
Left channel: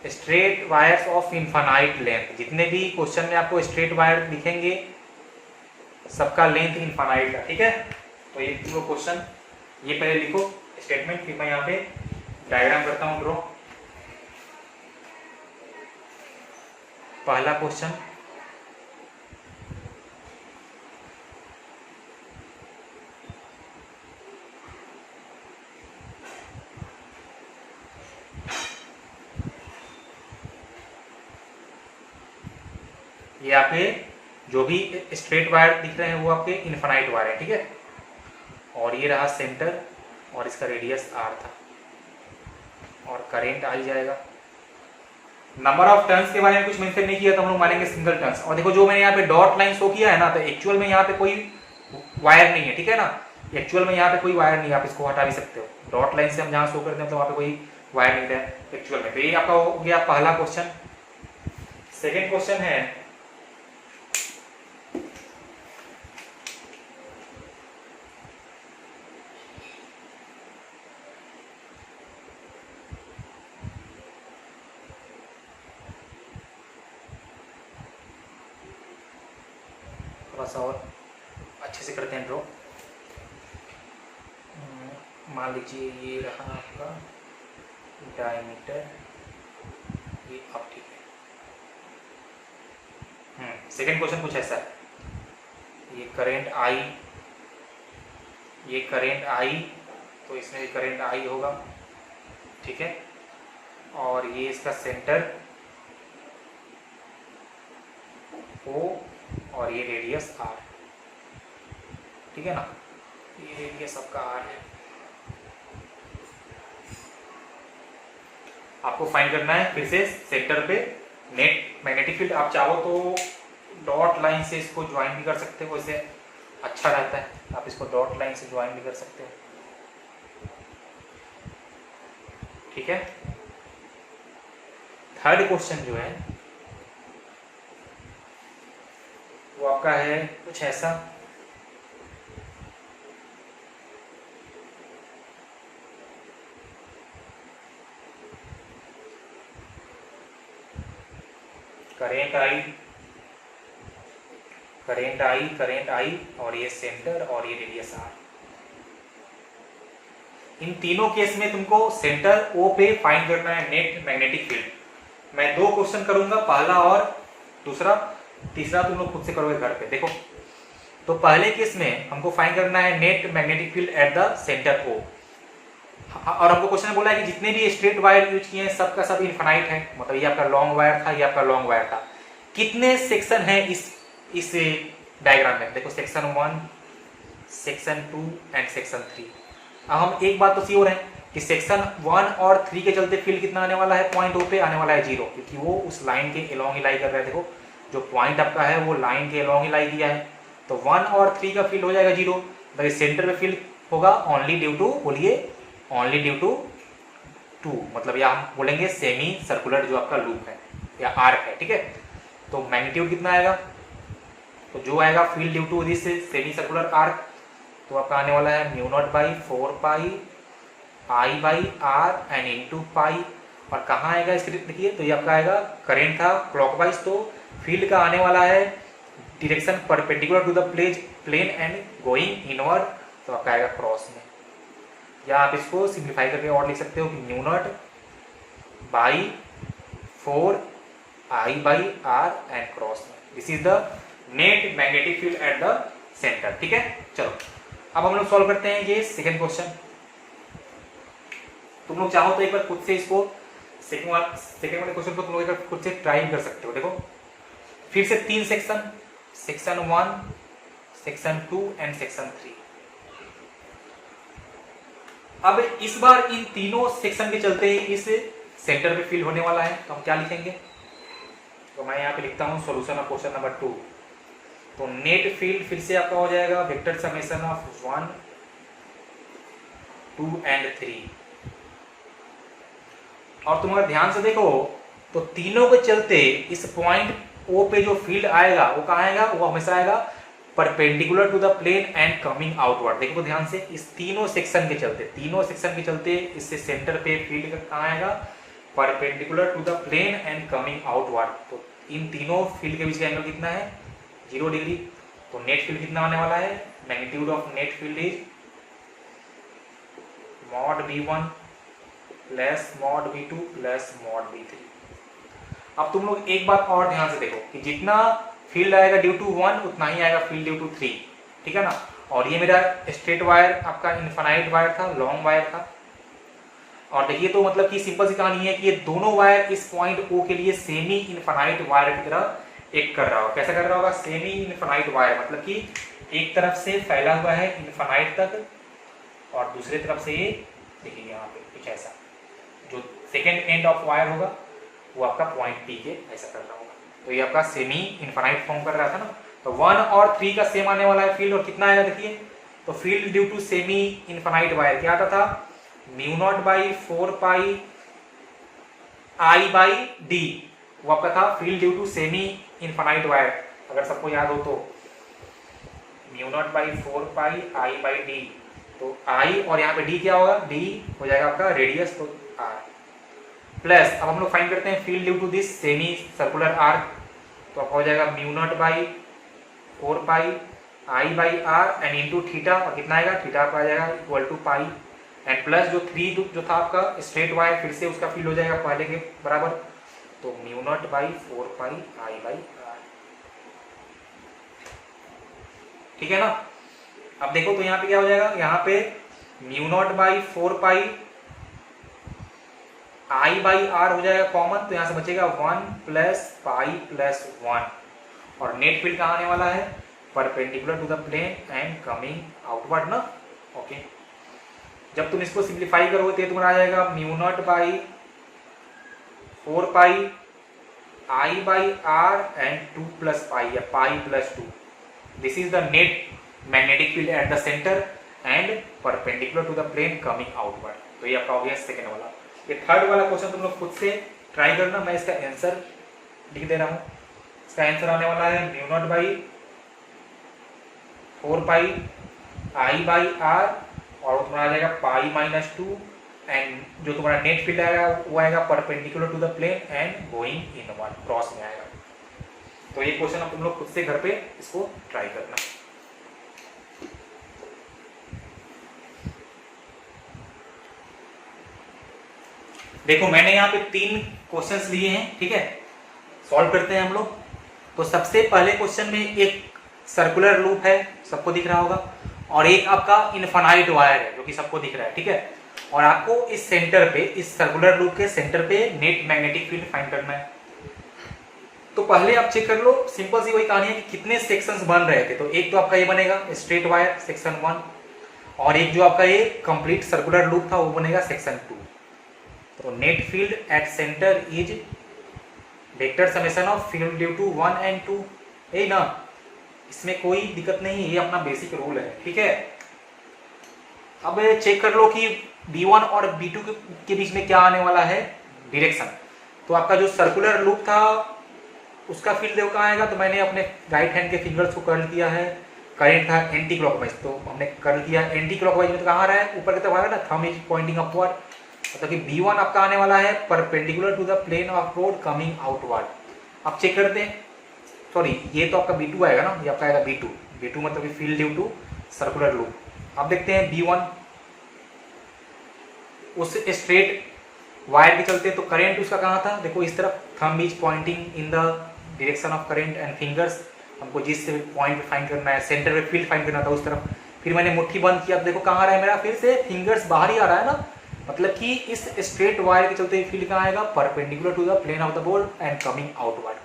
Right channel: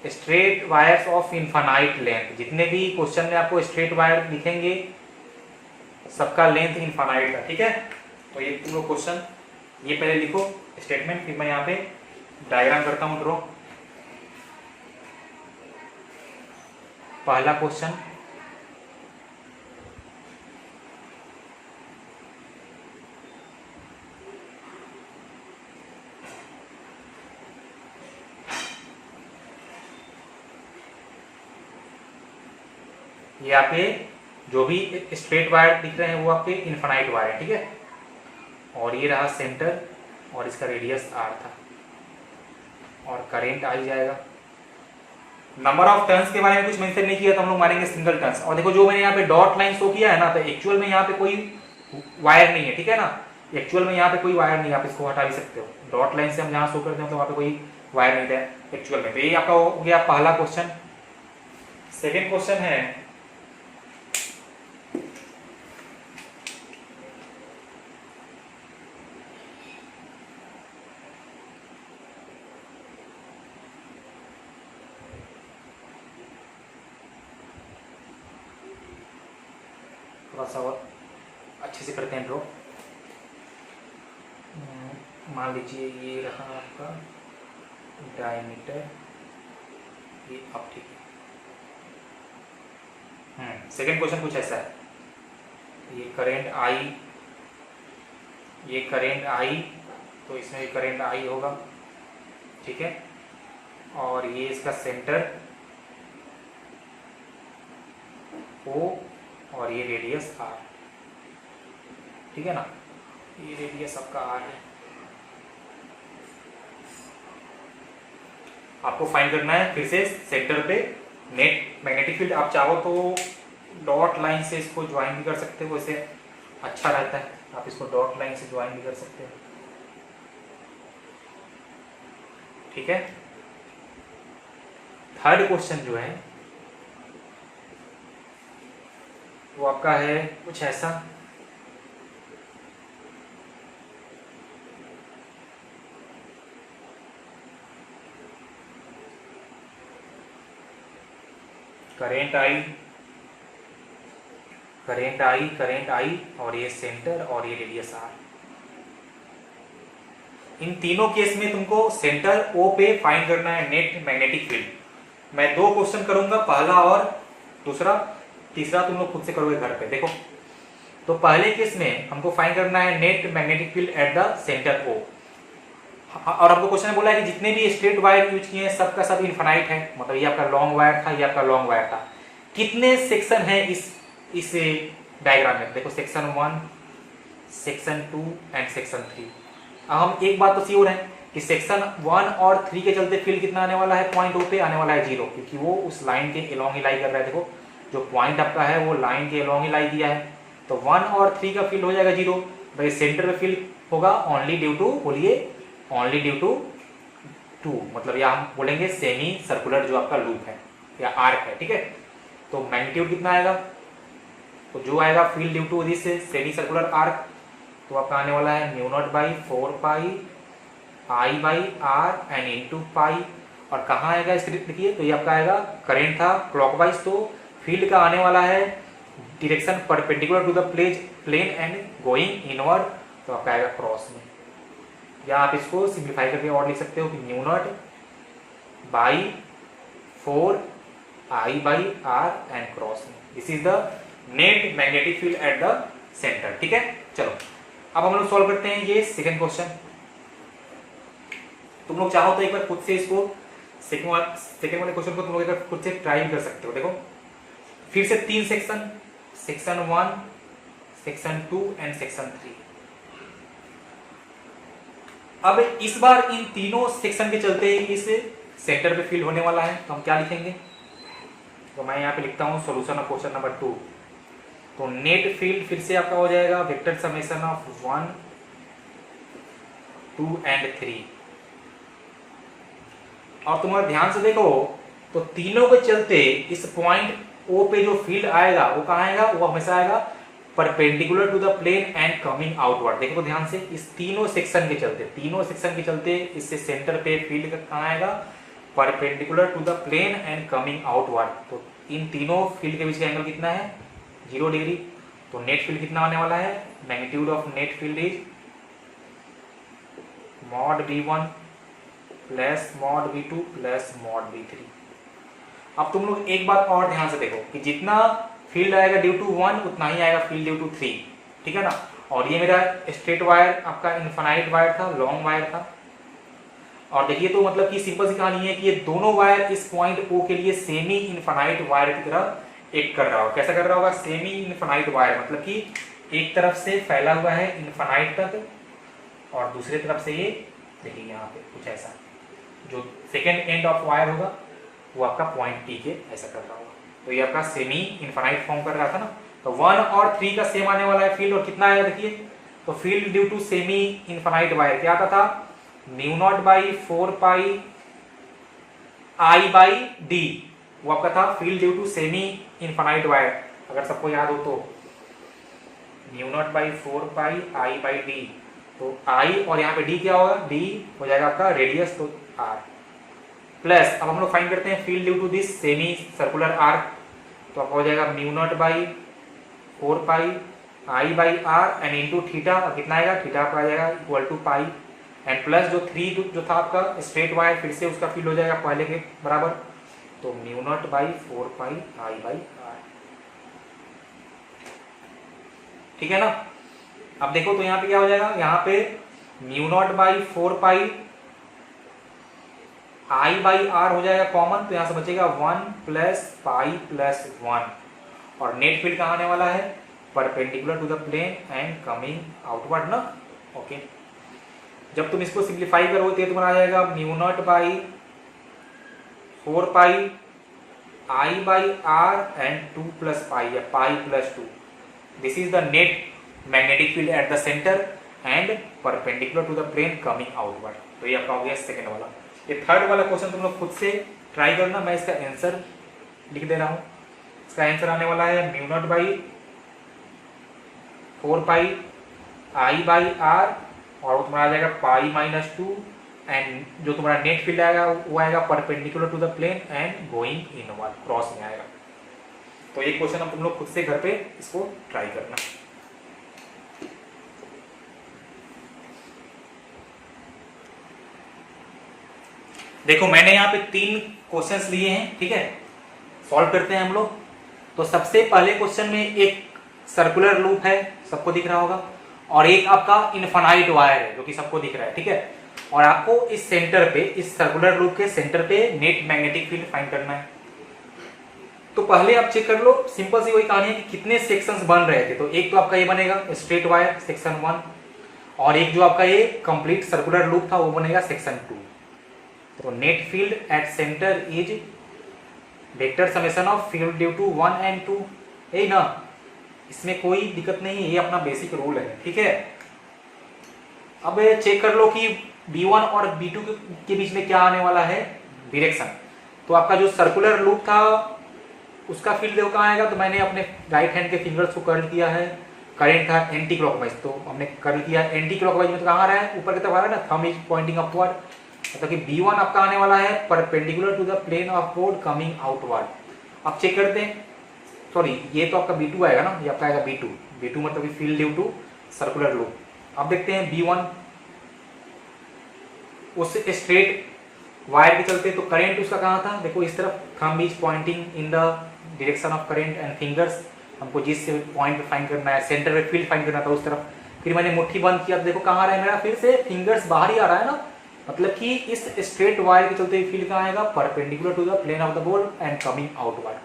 straight wires of infinite length, जितने भी क्वेश्चन में आपको स्ट्रेट वायर दिखेंगे सबका लेंथ इनफाइनाइट है। ठीक है, तो ये तीनों क्वेश्चन ये पहले लिखो स्टेटमेंट, फिर मैं यहाँ पे डायग्राम करता हूँ ड्रॉ। पहला क्वेश्चन, ये आपके जो भी स्ट्रेट वायर दिख रहे हैं वो आपके इनफाइनाइट वायर है। ठीक है, और ये रहा सेंटर, और इसका रेडियस आर था, और करंट आ ही जाएगा। नंबर ऑफ टर्न्स के बारे में कुछ मेंशन नहीं किया, तो हम लोग मानेंगे सिंगल टर्न्स। और देखो, जो मैंने यहाँ पे डॉट लाइन शो किया है ना, तो एक्चुअल में यहाँ पे कोई वायर नहीं है। ठीक है ना, एक्चुअल में यहाँ पे कोई वायर नहीं है, आप इसको हटा भी सकते हो। डॉट लाइन से हम जहाँ शो करते हैं तो वहाँ पे कोई वायर नहीं था एक्चुअल में। तो ये आपका हो गया पहला क्वेश्चन। सेकेंड क्वेश्चन है, थोड़ा सा और अच्छे से करते हैं ड्रॉ। मान लीजिए ये रहा आपका डायमीटर, ये अब ठीक है। सेकंड क्वेश्चन कुछ ऐसा है, ये करंट आई, ये करंट आई, तो इसमें भी करंट आई होगा। ठीक है, और ये इसका सेंटर ओ, और ये रेडियस आर। ठीक है ना, ये रेडियस आपका आर है। आपको फाइंड करना है फिर से सेंटर पे नेट मैग्नेटिक फील्ड। आप चाहो तो डॉट लाइन से इसको ज्वाइन भी कर सकते हो, इससे अच्छा रहता है। आप इसको डॉट लाइन से ज्वाइन भी कर सकते हो। ठीक है, थर्ड क्वेश्चन जो है वो आपका है कुछ ऐसा, करेंट आई, करेंट आई, करेंट आई, और ये सेंटर, और ये रेडियस आर। इन तीनों केस में तुमको सेंटर ओ पे फाइंड करना है नेट मैग्नेटिक फील्ड। मैं 2 क्वेश्चन करूंगा, पहला और दूसरा, तीसरा तुम लोग खुद से करोगे घर पे। देखो तो पहले केस में हमको फाइंड करना है net magnetic field at the centre O, और हमको क्वेश्चन में बोला है कि जितने भी स्ट्रेट वायर यूज किए हैं सबका सब इनफाइनाइट है, मतलब ये आपका लॉन्ग वायर था, ये आपका लॉन्ग वायर था। कितने सेक्शन है इस डायग्राम में? देखो सेक्शन 1, सेक्शन 2 एंड सेक्शन 3। अब हम एक बात तो श्योर है कि सेक्शन 1 और 3 के चलते फील्ड कितना आने वाला है? पॉइंट ओ पे आने वाला है 0, क्योंकि वो उस लाइन के अलोंग ही लाई कर रहा है। देखो जो पॉइंट आपका है वो लाइन के अलोंग ही लाई दिया है, तो 1 और 3 का फील्ड हो जाएगा 0। भाई सेंटर में फील्ड होगा ओनली ड्यू टू, बोलिए ओनली ड्यू टू 2, मतलब या हम बोलेंगे सेमी सर्कुलर जो आपका लूप है या आर्क है, ठीक है। तो मैग्नीट्यूड कितना आएगा? तो जो आएगा field due to this semi circular arc, तो आपका आने वाला है mu not by 4 pi I by R N into pi. और कहाँ आएगा इसके देखिए, तो ये आपका आएगा, करंट था क्लॉकवाइज, तो फील्ड का आने वाला है direction perpendicular to the plane and going inward, तो आपका आएगा क्रॉस में। या आप इसको सिंप्लीफाई करके और लिख सकते हो कि mu not by 4 I by are and cross में। This is the net magnetic field at the centre, ठीक है। चलो अब हम लोग सॉल्व करते हैं ये सेकंड क्वेश्चन। तुम लोग चाहो तो एक बार खुद से इसको सेकंड वाले क्वेश्चन को तुम लोग एक बार खुद से ट्राई कर सकते हो। देखो फिर से 3 section, section 1, section 2 and section 3। अब इस बार इन तीनों सेक्शन के चलते इस सेंटर पे फील्ड होने वाला है, तो हम क्या लिखेंगे? तो मैं यहाँ पे लिखता हूँ सॉल्यूशन ऑफ क्वेश्चन नंबर 2। तो नेट फील्ड फिर से आपका हो जाएगा वेक्टर समेशन ऑफ 1, 2 एंड 3। और तुम अगर ध्यान से देखो तो तीनों के चलते इस पॉइंट ओ पे जो फील्ड आएगा वो कहाँ आएगा? वो हमेशा आएगा perpendicular to the plane and coming outward. देखो ध्यान से, इस तीनों सेक्शन के चलते इससे सेंटर पे फील्ड कहाँ आएगा? Perpendicular to the plane and coming outward. तो इन तीनों फील्ड के बीच का एंगल कितना है? 0 डिग्री। तो नेट फील्ड कितना आने वाला है? Magnitude of net field is mod V1 plus mod V2 plus mod V3। अब तुम लोग एक बात और ध्यान से देखो कि जितना फील्ड आएगा ड्यू टू 1 उतना ही आएगा फील्ड ड्यू टू 3, ठीक है ना। और ये मेरा स्ट्रेट वायर आपका इनफाइनाइट वायर था, लॉन्ग वायर था। और देखिए तो मतलब कि सिंपल सी कहानी है कि ये दोनों वायर इस पॉइंट ओ के लिए सेमी इनफाइनाइट वायर की तरह एक कर रहा होगा। कैसा कर रहा होगा? सेमी इनफाइनाइट वायर, मतलब कि एक तरफ से फैला हुआ है इनफाइनाइट तक और दूसरी तरफ से ये देखिए यहाँ पे कुछ ऐसा, जो सेकेंड एंड ऑफ वायर होगा वो आपका पॉइंट पी के ऐसा कर रहा होगा। तो ये आपका सेमी इनफाइनाइट फॉर्म कर रहा था ना। तो 1 और 3 का सेम आने वाला है फील्ड, और कितना आया देखिए, तो field due to semi infinite wire क्या आता था? Mu not by 4 pi I by D, वो आपका था field due to semi infinite wire. अगर सबको याद हो तो mu not by 4 pi I by D, तो आई और यहाँ पे डी क्या होगा? डी हो जाएगा आपका रेडियस, तो आर प्लस। अब हम लोग फाइंड करते हैं field due to this semi circular arc, तो आपका हो जाएगा mu not by 4 pi I by are and into theta, और कितना आएगा? थीटा आपका आ जाएगा equal to pi and plus जो 3 जो था आपका स्ट्रेट वायर, फिर से उसका फील्ड हो जाएगा पहले के बराबर, तो mu not by 4 pi I by R, ठीक है ना। अब देखो तो यहाँ पे क्या हो जाएगा? यहाँ पे mu not by 4 pi I by R हो जाएगा कॉमन, तो यहां से बचेगा 1 प्लस पाई प्लस 1। और नेट फील्ड कहां आने वाला है? Perpendicular to the plane and coming outward ना। ओके, जब तुम इसको सिंप्लीफाई करोगे तो तुम्हारा आ जाएगा mu not by 4 pi I by are and 2 plus pi या pi plus 2। This is the net magnetic field at the centre and perpendicular to the plane coming outward. तो ये आपका हो गया सेकेंड वाला। ये थर्ड वाला क्वेश्चन तुम लोग खुद से ट्राई करना, मैं इसका आंसर लिख दे रहा हूं। इसका आंसर आने वाला है mu not by 4 pi I by R, और तुम्हारा आ जाएगा पाई माइनस 2 एंड जो तुम्हारा नेट फील्ड आएगा वो आएगा perpendicular to the plane and going inward, cross में आएगा। तो ये क्वेश्चन अब तुम लोग खुद से घर पे इसको ट्राई करना। देखो मैंने यहाँ पे 3 क्वेश्चंस लिए हैं, ठीक है, सॉल्व करते हैं हम लोग। तो सबसे पहले क्वेश्चन में एक सर्कुलर लूप है, सबको दिख रहा होगा, और एक आपका इनफाइनाइट वायर है जो कि सबको दिख रहा है, ठीक है। और आपको इस सेंटर पे, इस सर्कुलर लूप के सेंटर पे नेट मैग्नेटिक फील्ड फाइंड करना है। तो पहले आप चेक कर लो, सिंपल सी वही कहानी है कि कितने सेक्शंस बन रहे थे। तो एक तो आपका ये बनेगा स्ट्रेट वायर सेक्शन 1, और एक जो आपका ये कंप्लीट सर्कुलर लूप था वो बनेगा सेक्शन 2। तो net field at centre is vector summation of field due to 1 and 2, यही ना, इसमें कोई दिक्कत नहीं है, ये अपना बेसिक रूल है, ठीक है। अब चेक कर लो कि B1 और B2 के बीच में क्या आने वाला है, डायरेक्शन। तो आपका जो सर्कुलर लूप था उसका फील्ड देखो कहाँ आएगा। तो मैंने अपने राइट हैंड के फिंगर्स को कर दिया है, करंट था एंटी क्लॉकवाइज, तो हमने कर दिया एंटी क्लॉकवाइज में। तो कहाँ आ रहा है, ऊपर की तरफ आ रहा है ना, थंब इज पॉइंटिंग अपवर्ड, मतलब कि B1 आपका आने वाला है perpendicular to the plane of road coming outward. अब चेक करते हैं, सॉरी ये तो आपका B2 आएगा ना, ये आपका आएगा B2 मतलब कि field due to circular loop. अब देखते हैं B1, उस स्ट्रेट वायर के चलते, तो करंट उसका कहाँ था, देखो इस तरफ, thumb is pointing in the direction of current and fingers, हमको जिस पॉइंट पे फाइंड करना है, सेंटर पे फील्ड फाइंड करना था उस तरफ। फिर मैंने मुट्ठी बंद किया, तो देखो कहाँ आ रहा है मेरा, फिर से फिंगर्स बाहर ही आ रहा है ना, मतलब कि इस स्ट्रेट वायर के चलते फील्ड कहाँ आएगा, perpendicular to the plane of the ball and coming outward.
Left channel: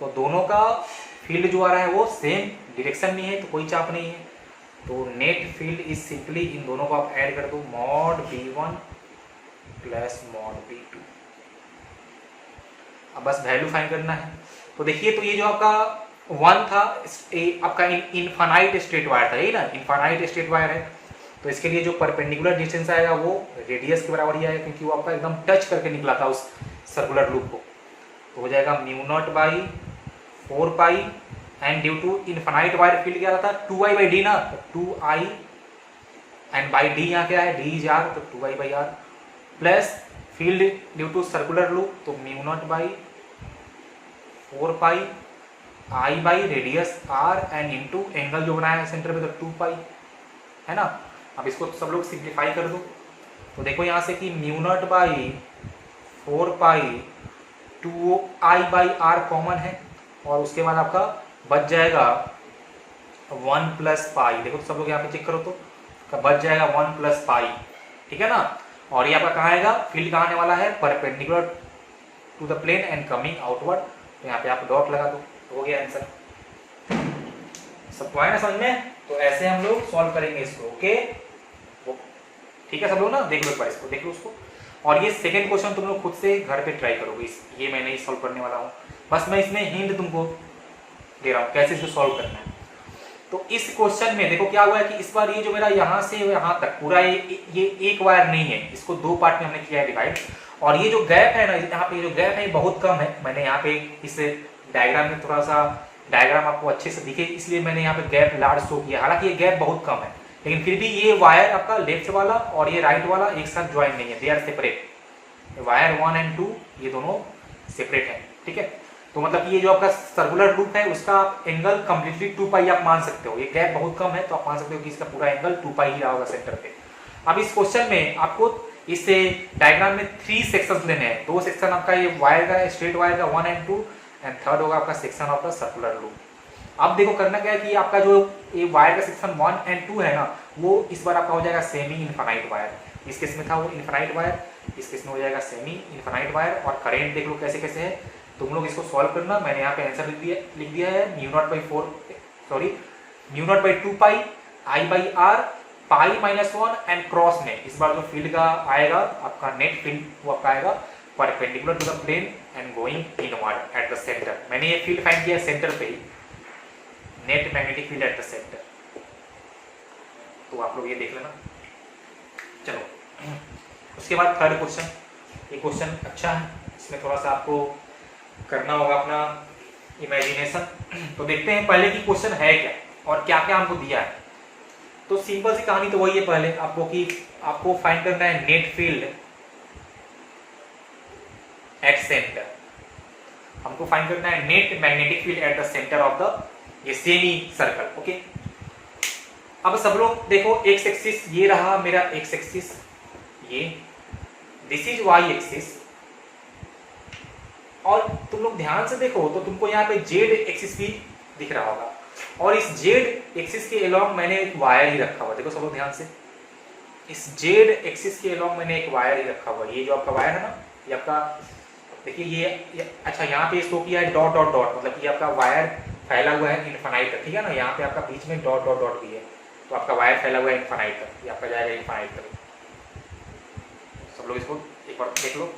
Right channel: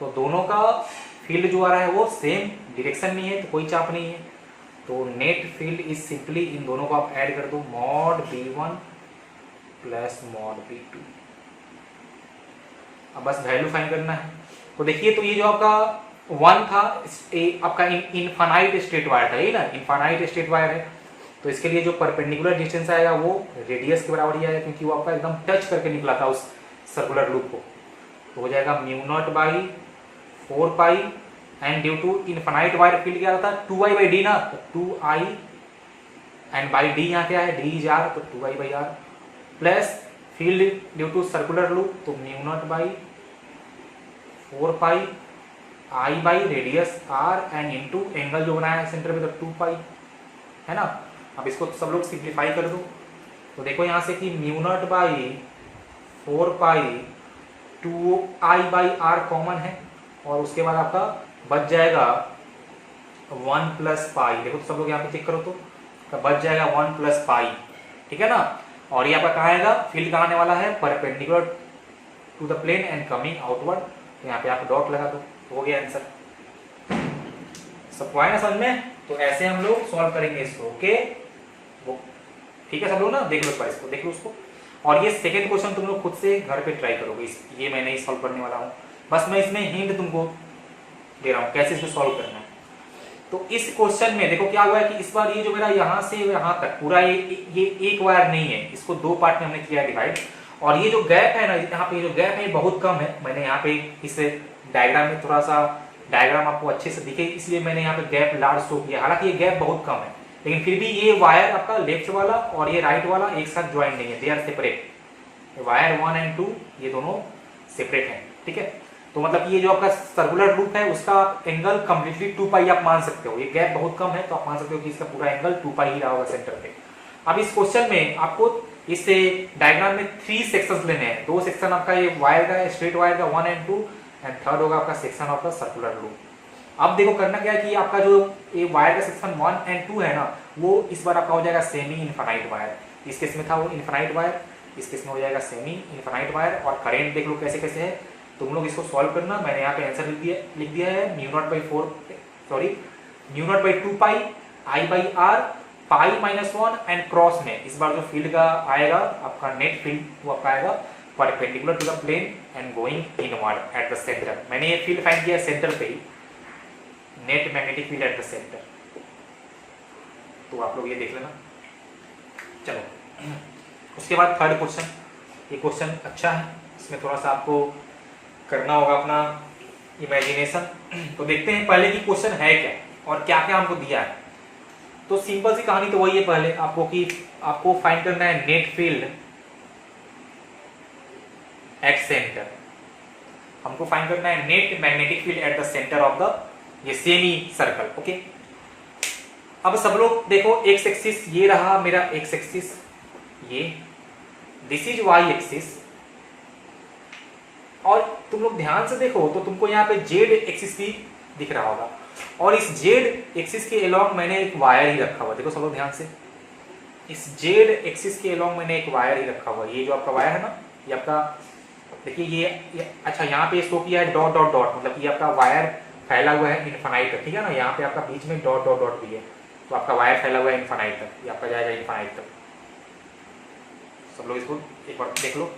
तो दोनों का फील्ड जो आ रहा है वो सेम डायरेक्शन में है, तो कोई चाप नहीं है। तो नेट फील्ड इज सिंपली, इन दोनों को आप ऐड कर दो, mod B1 plus mod B2। अब बस वैल्यू फाइंड करना है। तो देखिए, तो ये जो आपका 1 था आपका इनफाइनाइट स्ट्रेट वायर था, यही ना, इनफाइनाइट स्ट्रेट वायर है। तो इसके लिए जो परपेंडिकुलर डिस्टेंस आएगा वो रेडियस के बराबर ही आएगा, क्योंकि वो आपका एकदम टच करके निकला था उस सर्कुलर लूप को। तो हो जाएगा μ0/4π, and due to infinite wire field क्या था, 2I/d ना, तो 2I, एंड बाई d यहाँ क्या है, d इज r, तो 2I/r, plus field due to circular loop, तो μ0/4π I by radius r and into angle जो बनाया है सेंटर पे, तो 2π है ना। अब इसको सब लोग सिंप्लीफाई कर दो। तो देखो यहाँ से कि μ0/4π 2I/r कॉमन है, और उसके बाद आपका बच जाएगा 1 + π। देखो तो सब लोग यहाँ पे चेक करो, तो बच जाएगा 1 + π, ठीक है ना। और ये आपका कहाँ आएगा, फील्ड कहाँ आने वाला है, perpendicular to the plane and coming outward. तो यहाँ पे आप डॉट लगा दो, तो हो गया आंसर। सबको आया ना समझ में। तो ऐसे हम लोग सॉल्व करेंगे इसको, ओके, ठीक है सब लोग ना, देख लो एक बार इसको, देख लो उसको। और ये सेकंड क्वेश्चन तुम लोग खुद से घर पे ट्राई करोगे, ये मैं नहीं सॉल्व करने वाला हूँ, बस मैं इसमें हिंट तुमको दे रहा हूँ कैसे इसको सॉल्व करना है। तो इस क्वेश्चन में देखो क्या हुआ है कि इस बार ये जो मेरा यहाँ से यहाँ तक पूरा ये एक वायर नहीं है, इसको 2 पार्ट में हमने किया है डिवाइड। और ये जो गैप है ना, यहाँ पे जो गैप है बहुत कम है। मैंने यहाँ पे इस डायग्राम में थोड़ा सा डायग्राम आपको अच्छे से दिखे, इसलिए मैंने यहाँ पे गैप लार्ज शो किया। हालांकि ये गैप बहुत कम है, लेकिन फिर भी ये वायर आपका लेफ्ट वाला और ये राइट वाला एक साथ ज्वाइन नहीं है, they are separate. Wire 1 and 2 ये दोनों सेपरेट है, ठीक है। तो मतलब ये जो आपका सर्कुलर लूप है उसका एंगल कंप्लीटली 2π आप मान सकते हो। ये गैप बहुत कम है, तो आप मान सकते हो कि इसका पूरा एंगल 2π ही रहा होगा सेंटर पे। अब इस क्वेश्चन में आपको इस डायग्राम में 3 सेक्शंस लेने हैं। 2 सेक्शन आपका ये वायर का, स्ट्रेट वायर का 1 and 2, एंड थर्ड होगा आपका section of the circular loop. अब देखो करना क्या है कि आपका जो ये वायर का सेक्शन 1 and 2 है ना, वो इस बार आपका हो जाएगा सेमी इनफाइनाइट वायर। इस केस में था वो इनफाइनाइट वायर, इस केस में हो जाएगा सेमी इनफाइनाइट वायर। और करंट देख लो कैसे कैसे है, तुम लोग इसको सॉल्व करना। मैंने यहाँ पे आंसर लिख दिया है μ0/2π I/r π-1 एंड क्रॉस में इस बार जो फील्ड का आएगा आपका नेट फील्ड वो आपका आएगा perpendicular to the plane and going inward at the centre. मैंने ये फील्ड फाइंड किया सेंटर पे ही, net magnetic field at the centre. तो आप लोग ये देख लेना। चलो उसके बाद थर्ड क्वेश्चन, ये क्वेश्चन अच्छा है, इसमें थोड़ा सा आपको करना होगा अपना इमेजिनेशन। तो देखते हैं पहले की क्वेश्चन है क्या और क्या क्या हमको दिया है। तो सिंपल सी कहानी तो वही है पहले आपको कि आपको फाइंड करना है नेट फील्ड एट सेंटर। हमको फाइंड करना है net magnetic field at the centre of the ये सेमी सर्कल, ओके। अब सब लोग देखो, एक्स एक्सिस ये रहा मेरा एक्स एक्सिस, ये दिस इज वाई एक्सिस, तुम लोग ध्यान से देखो तो तुमको यहाँ पे जेड एक्सिस भी दिख रहा होगा, और इस जेड एक्सिस के अलोंग मैंने एक वायर ही रखा हुआ। देखो सब लोग ध्यान से, इस जेड एक्सिस के अलोंग मैंने एक वायर ही रखा हुआ। ये जो आपका वायर है ना, ये आपका देखिए ये अच्छा यहाँ पे शो किया है डॉट डॉट डॉट, मतलब ये आपका वायर फैला हुआ है इनफाइनाइट तक, ठीक है ना। यहाँ पे आपका बीच में डॉट डॉट डॉट भी है, तो आपका वायर फैला हुआ है इनफाइनाइट तक, ये आपका जाएगा इनफाइनाइट तक। सब लोग इसको एक बार देख लो,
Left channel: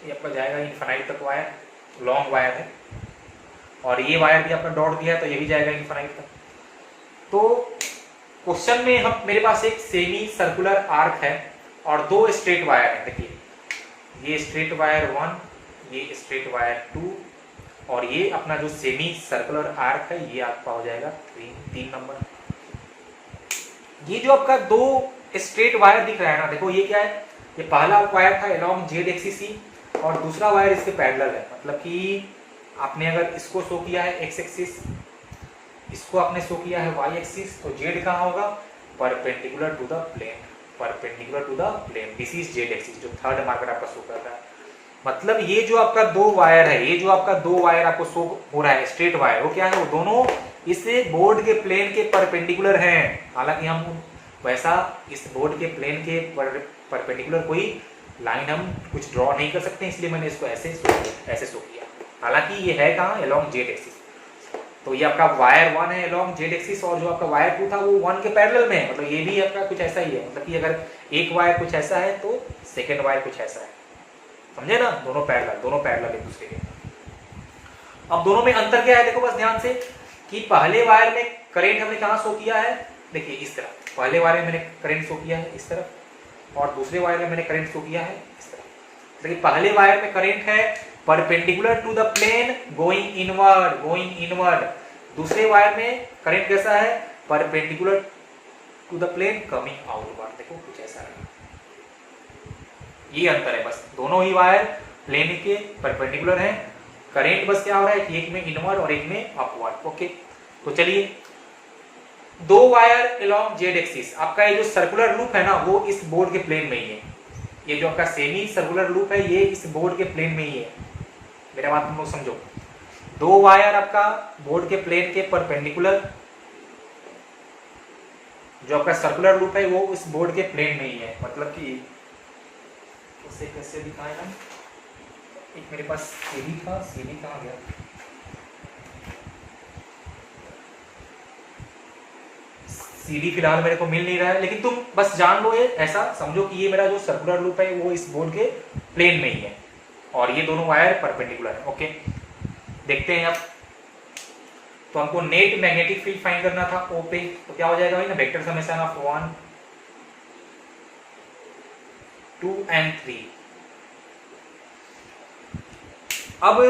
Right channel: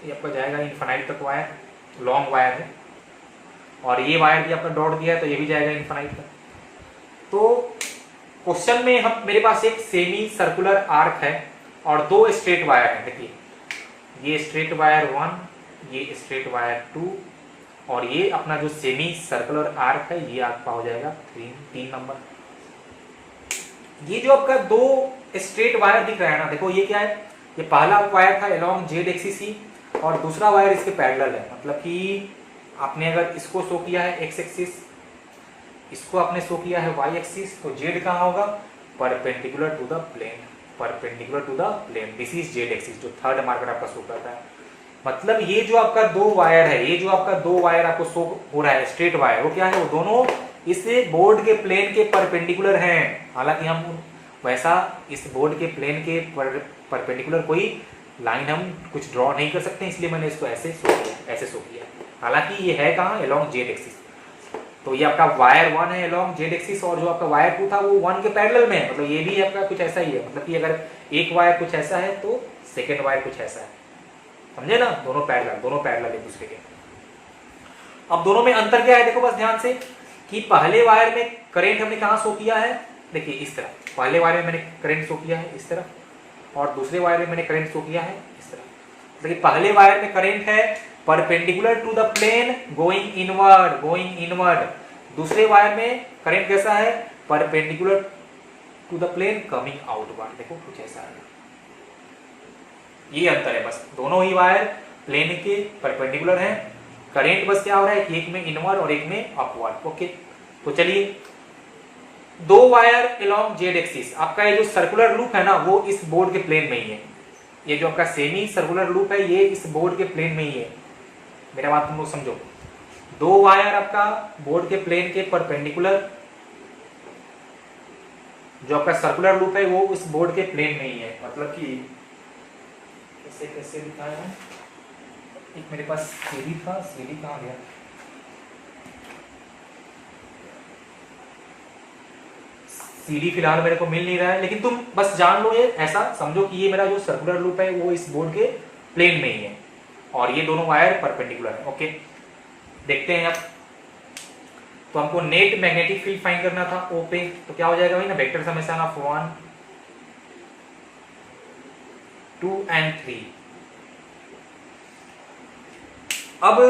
ये आपका जाएगा इनफाइनाइट तक वायर, लॉन्ग वायर है, और ये वायर भी आपका डॉट दिया है तो ये भी जाएगा इनफाइनाइट तक। तो क्वेश्चन में हम मेरे पास एक सेमी सर्कुलर आर्क है और दो स्ट्रेट वायर है। देखिए ये स्ट्रेट वायर 1, ये स्ट्रेट वायर 2, और ये अपना जो सेमी सर्कुलर आर्क है ये आपका हो जाएगा 3 नंबर। ये जो आपका दो स्ट्रेट वायर दिख रहा है ना, देखो ये क्या है, ये पहला वायर था अलोंग जेड एक्सिस ही, और दूसरा वायर इसके पैरेलल है। मतलब कि आपने अगर इसको शो किया है एक्स एक्सिस, इसको आपने शो किया है वाई एक्सिस, तो जेड कहाँ होगा, perpendicular to the plane, perpendicular to the plane, this is Z axis, जो थर्ड मार्कर आपका शो करता है। मतलब ये जो आपका दो वायर है, ये जो आपका दो वायर आपको शो हो रहा है स्ट्रेट वायर, वो क्या है, वो दोनों इस बोर्ड के प्लेन के परपेंडिकुलर हैं। हालांकि हम वैसा इस बोर्ड के प्लेन के परपेंडिकुलर कोई लाइन हम कुछ ड्रॉ नहीं कर सकते, इसलिए मैंने इसको ऐसे शो किया। हालांकि ये है कहाँ, अलोंग जेड एक्सिस। तो ये आपका वायर 1 है अलोंग जेड एक्सिस, और जो आपका वायर 2 था वो 1 के पैरेलल में है। मतलब ये भी आपका कुछ ऐसा ही है, मतलब कि अगर एक वायर कुछ ऐसा है तो सेकेंड वायर कुछ ऐसा है, समझे ना। दोनों पैरेलल एक दूसरे के। अब दोनों में अंतर क्या है, देखो बस ध्यान से, कि पहले वायर में करंट हमने कहाँ शो किया है, देखिए इस तरह, पहले वायर में मैंने करंट शो किया है इस तरफ, और दूसरे वायर में मैंने करंट शो किया है इस तरह। देखिए पहले वायर में करंट है perpendicular to the plane going inward, दूसरे वायर में करंट कैसा है, perpendicular to the plane coming outward. देखो कुछ ऐसा है, ये अंतर है बस। दोनों ही वायर प्लेन के परपेंडिकुलर हैं, करंट बस क्या हो रहा है कि एक में इनवर्ड और एक में अपवर्ड। ओके, तो चलिए, दो वायर अलोंग जेड एक्सिस, आपका ये जो सर्कुलर लूप है ना वो इस बोर्ड के प्लेन में ही है। ये जो आपका सेमी सर्कुलर लूप है ये इस बोर्ड के प्लेन में ही है, मेरा बात तुम लोग समझो। दो वायर आपका बोर्ड के प्लेन के परपेंडिकुलर, जो आपका सर्कुलर लूप है वो इस बोर्ड के प्लेन में ही है। मतलब कि कैसे दिखाया है, एक मेरे पास सीडी था, सीडी कहाँ गया, सीडी फिलहाल मेरे को मिल नहीं रहा है, लेकिन तुम बस जान लो, ये ऐसा समझो कि ये मेरा जो सर्कुलर लूप है वो इस बोर्ड के प्लेन में ही है, और ये दोनों वायर परपेंडिकुलर है। ओके, देखते हैं अब। तो हमको नेट मैग्नेटिक फील्ड फाइंड करना था ओ पे, तो क्या हो जाएगा भाई ना, वेक्टर समेशन ऑफ 1, 2 and 3। अब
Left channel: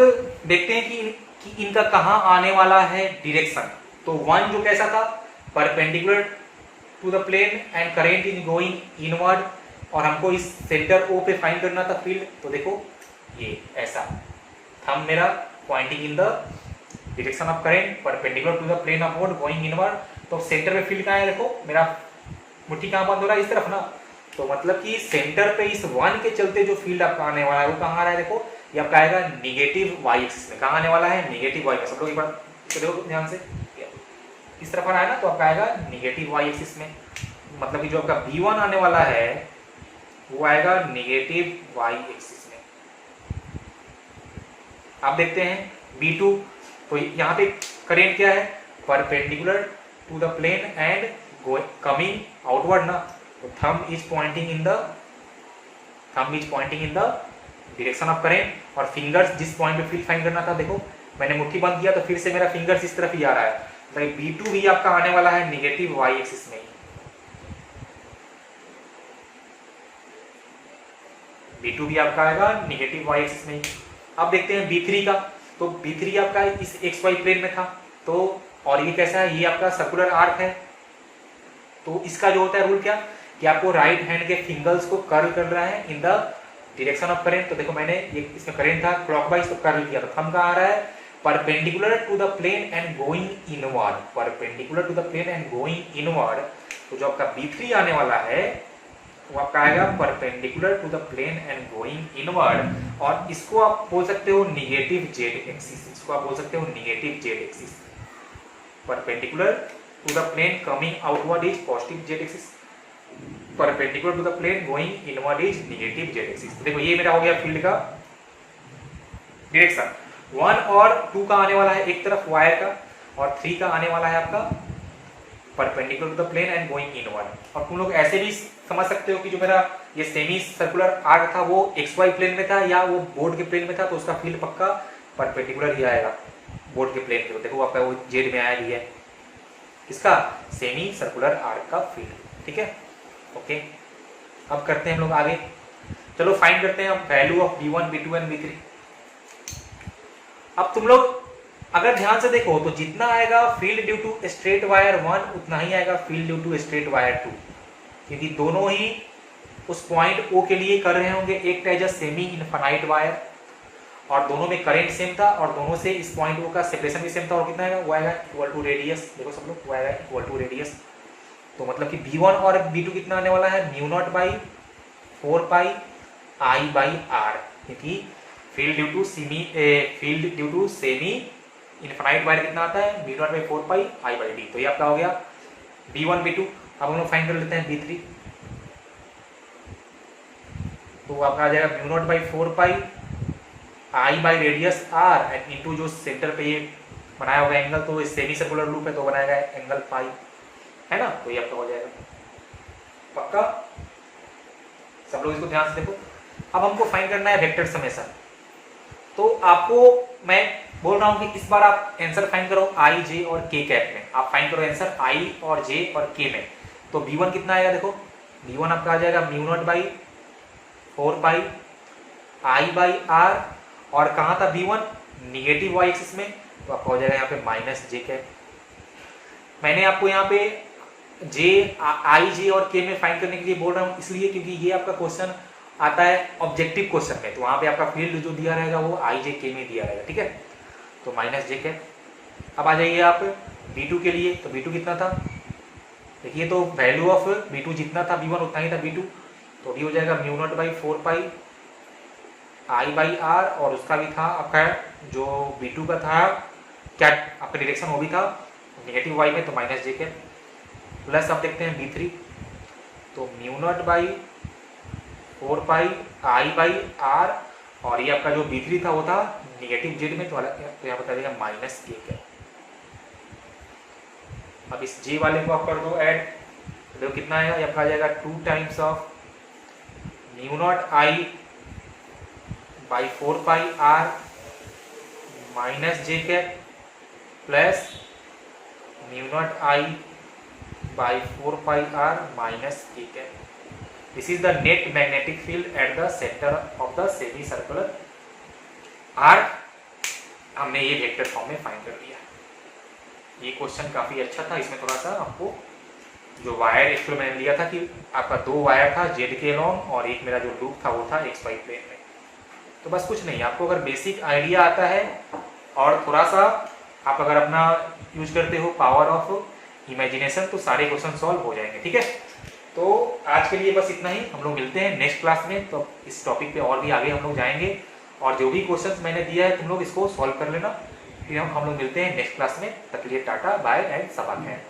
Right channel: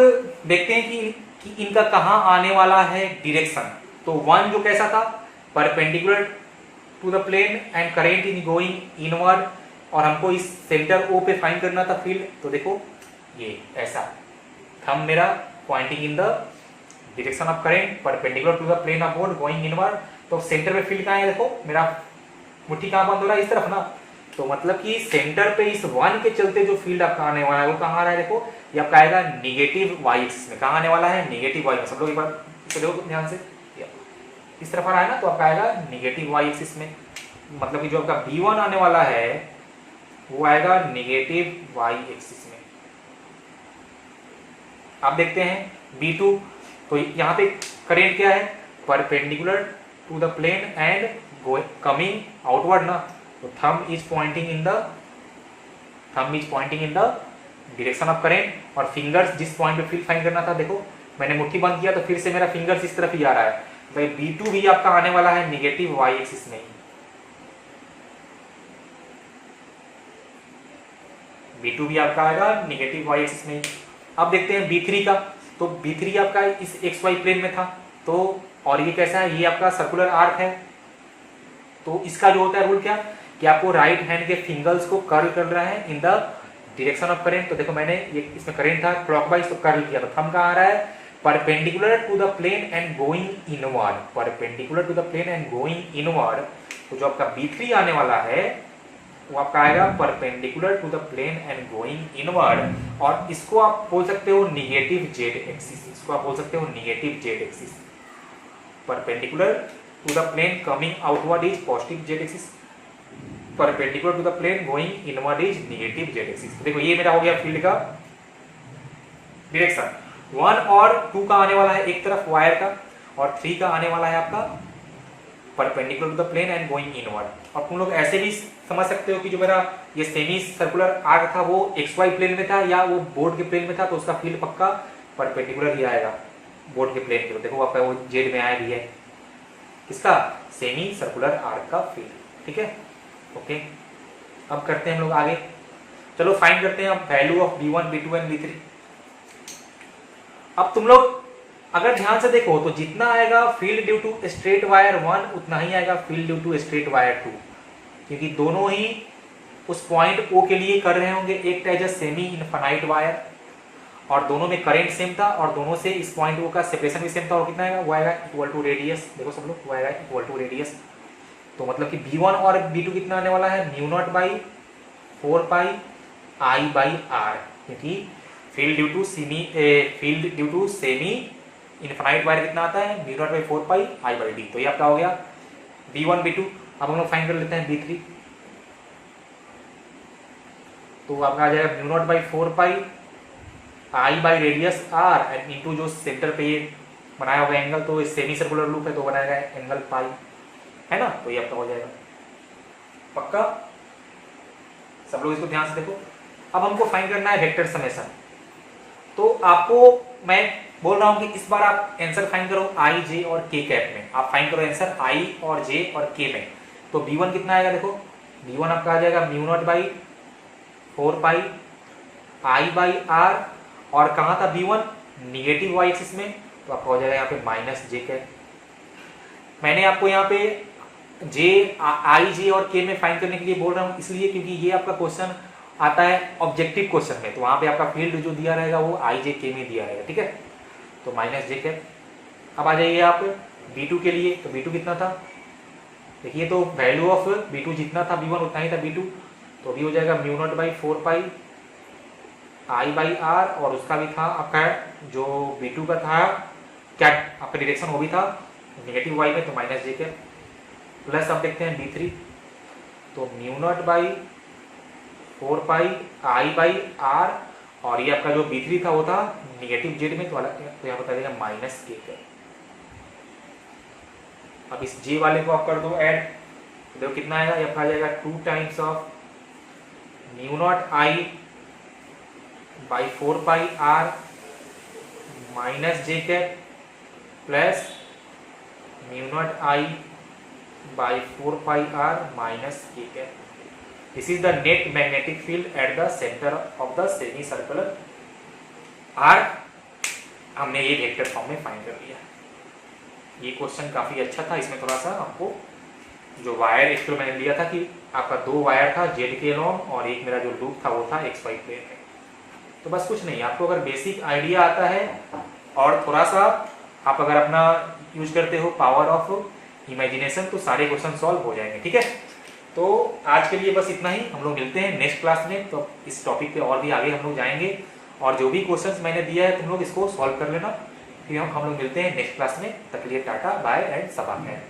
देखते हैं कि इनका कहां आने वाला है डायरेक्शन। तो 1 जो कैसा था, perpendicular to the plane and current is going inward, और हमको इस सेंटर ओ पे फाइंड करना था फील्ड। तो देखो ये ऐसा, थंब मेरा pointing in the direction of current perpendicular to the plane of board going inward. तो सेंटर पे फील्ड कहाँ है, देखो मेरा मुट्ठी कहाँ बंद हो रहा है, इस तरफ ना। तो मतलब कि सेंटर पे इस 1 के चलते जो फील्ड आपका आने वाला है वो कहाँ आ रहा है, देखो ये आपका आएगा निगेटिव वाई एक्सिस में। कहाँ आने वाला है, निगेटिव वाई में। सब लोग एक बार इसको देखो ध्यान से, इस तरफ आ रहा है ना, तो आपका आएगा निगेटिव वाई एक्सिस में। मतलब कि जो आपका B1 आने वाला है वो आएगा निगेटिव वाई एक्सिस में। आप देखते हैं B2, तो यहाँ पे करंट क्या है, perpendicular to the plane and coming outward ना। तो thumb is pointing in the direction of current, और फिंगर्स जिस पॉइंट पे फील्ड फाइंड करना था, देखो मैंने मुट्ठी बंद किया तो फिर से मेरा फिंगर्स इस तरफ ही आ रहा है। तो B2 भी आपका आने वाला है निगेटिव वाई एक्सिस में ही। B2 भी आपका आएगा निगेटिव वाई एक्सिस में ही। अब देखते हैं B3 का। तो B3 आपका इस एक्स वाई प्लेन में था, तो और ये कैसा है, ये आपका सर्कुलर आर्क है। तो इसका जो होता है रूल क्या, कि आपको राइट हैंड के फिंगर्स को कर्ल कर रहा है इन द डायरेक्शन ऑफ करंट। तो देखो मैंने ये इसमें करंट था क्लॉकवाइज, तो कर्ल किया, तो थंब कहाँ आ रहा है, perpendicular to the plane and going inward, perpendicular to the plane and going inward. तो जो आपका B3 आने वाला है वो आपका आएगा perpendicular to the plane and going inward, और इसको आप बोल सकते हो निगेटिव जेड एक्सिस, इसको आप बोल सकते हो negative Z axis. Perpendicular to the plane coming outward is positive Z axis, perpendicular to the plane going inward is negative Z axis. देखो ये मेरा हो गया फील्ड का डायरेक्शन। 1 और 2 का आने वाला है एक तरफ वायर का, और 3 का आने वाला है आपका perpendicular to the plane and going inward. और तुम लोग ऐसे भी समझ सकते हो कि जो मेरा ये सेमी सर्कुलर आर्क था वो XY प्लेन में था या वो बोर्ड के प्लेन में था, तो उसका फील्ड पक्का परपेंडिकुलर ही आएगा बोर्ड के प्लेन पे। देखो आपका वो जेड में आया भी है इसका सेमी सर्कुलर आर्क का फील्ड। ठीक है, ओके। अब करते हैं हम लोग आगे, चलो फाइंड करते हैं अब value of V1 V2 and V3। अब तुम लोग अगर ध्यान से देखो तो जितना आएगा field due to straight wire 1 उतना ही आएगा field due to straight wire 2, क्योंकि दोनों ही उस पॉइंट O के लिए कर रहे होंगे। एक था जस्ट सेमी इनफाइनाइट वायर और दोनों में करंट सेम था, और दोनों से इस पॉइंट O का सेपरेशन भी सेम था, और कितना आएगा वो आएगा इक्वल टू रेडियस। देखो सब लोग वो आएगा इक्वल टू रेडियस। तो मतलब कि V1 और V2 कितना आने वाला है mu not by 4 pi I by R, क्योंकि field due to semi infinite wire कितना आता है mu not by 4 pi I by D। तो ये आपका हो गया V1 V2। अब हम लोग फाइंड कर लेते हैं V3। तो आपका आ जाएगा mu not by 4 pi I by radius R and into जो सेंटर पे ये बनाया होगा एंगल, तो सेमी सर्कुलर लूप है तो बनाएगा एंगल पाई, है ना। तो ये आपका हो जाएगा पक्का। सब लोग इसको ध्यान से देखो। अब हमको फाइंड करना है वेक्टर समेशन। तो आपको मैं बोल रहा हूं कि इस बार आप आंसर फाइंड करो I, J और K कैप में। आप फाइंड करो आंसर I और J और K में। तो V1 कितना आएगा, देखो V1 आपका आ जाएगा mu not by 4 pi I by R, और कहां था V1 निगेटिव वाई एक्सिस में, तो आपका हो जाएगा यहाँ पे माइनस J कैप। मैंने आपको यहाँ पे I, J और K में फाइंड करने के लिए बोल रहा हूँ इसलिए क्योंकि ये आपका क्वेश्चन आता है ऑब्जेक्टिव क्वेश्चन में, तो वहां पे आपका फील्ड जो दिया रहेगा वो I, J, K में दिया रहेगा। ठीक है, तो माइनस J कैप। अब आ जाइए आप V2 के लिए। तो V2 कितना था, देखिए तो वैल्यू ऑफ V2 जितना था V1 उतना ही था V2, तो भी हो जाएगा mu not by 4 pi I by R, और उसका भी था आपका जो V2 का था क्या आपका डायरेक्शन वो भी था नेगेटिव वाई में, तो माइनस J कैप। प्लस आप देखते हैं V3, तो mu not by 4 pi I by R, और ये आपका जो V3 था वो था नेगेटिव जेड में, तो यहाँ बता देगा माइनस K कैप। अब इस J वाले को आप कर दो ऐड, देखो कितना आएगा, ये आपका आ जाएगा 2 times of mu not I by 4 pi R minus J cap plus mu naught I by 4 pi R minus K cap. This is the net magnetic field at the centre of the semi circular arc. हमने ये vector form में find कर लिया। ये question काफी अच्छा था, इसमें थोड़ा सा आपको जो वायर एक्चुअल मैंने लिया था कि आपका 2 वायर था जेड के लॉन्ग, और एक मेरा जो लूप था वो था XY प्लेन में। तो बस कुछ नहीं, आपको अगर बेसिक आइडिया आता है और थोड़ा सा आप अगर अपना यूज करते हो पावर ऑफ इमेजिनेशन, तो सारे क्वेश्चन सॉल्व हो जाएंगे। ठीक है, तो आज के लिए बस इतना ही। हम लोग मिलते हैं नेक्स्ट क्लास में, तो इस टॉपिक पे और भी आगे हम लोग जाएंगे, और जो भी क्वेश्चंस मैंने दिया है तुम लोग इसको सॉल्व कर लेना। फिर हम लोग मिलते हैं नेक्स्ट क्लास में। तक के लिए टाटा बाय एंड सबा खैर।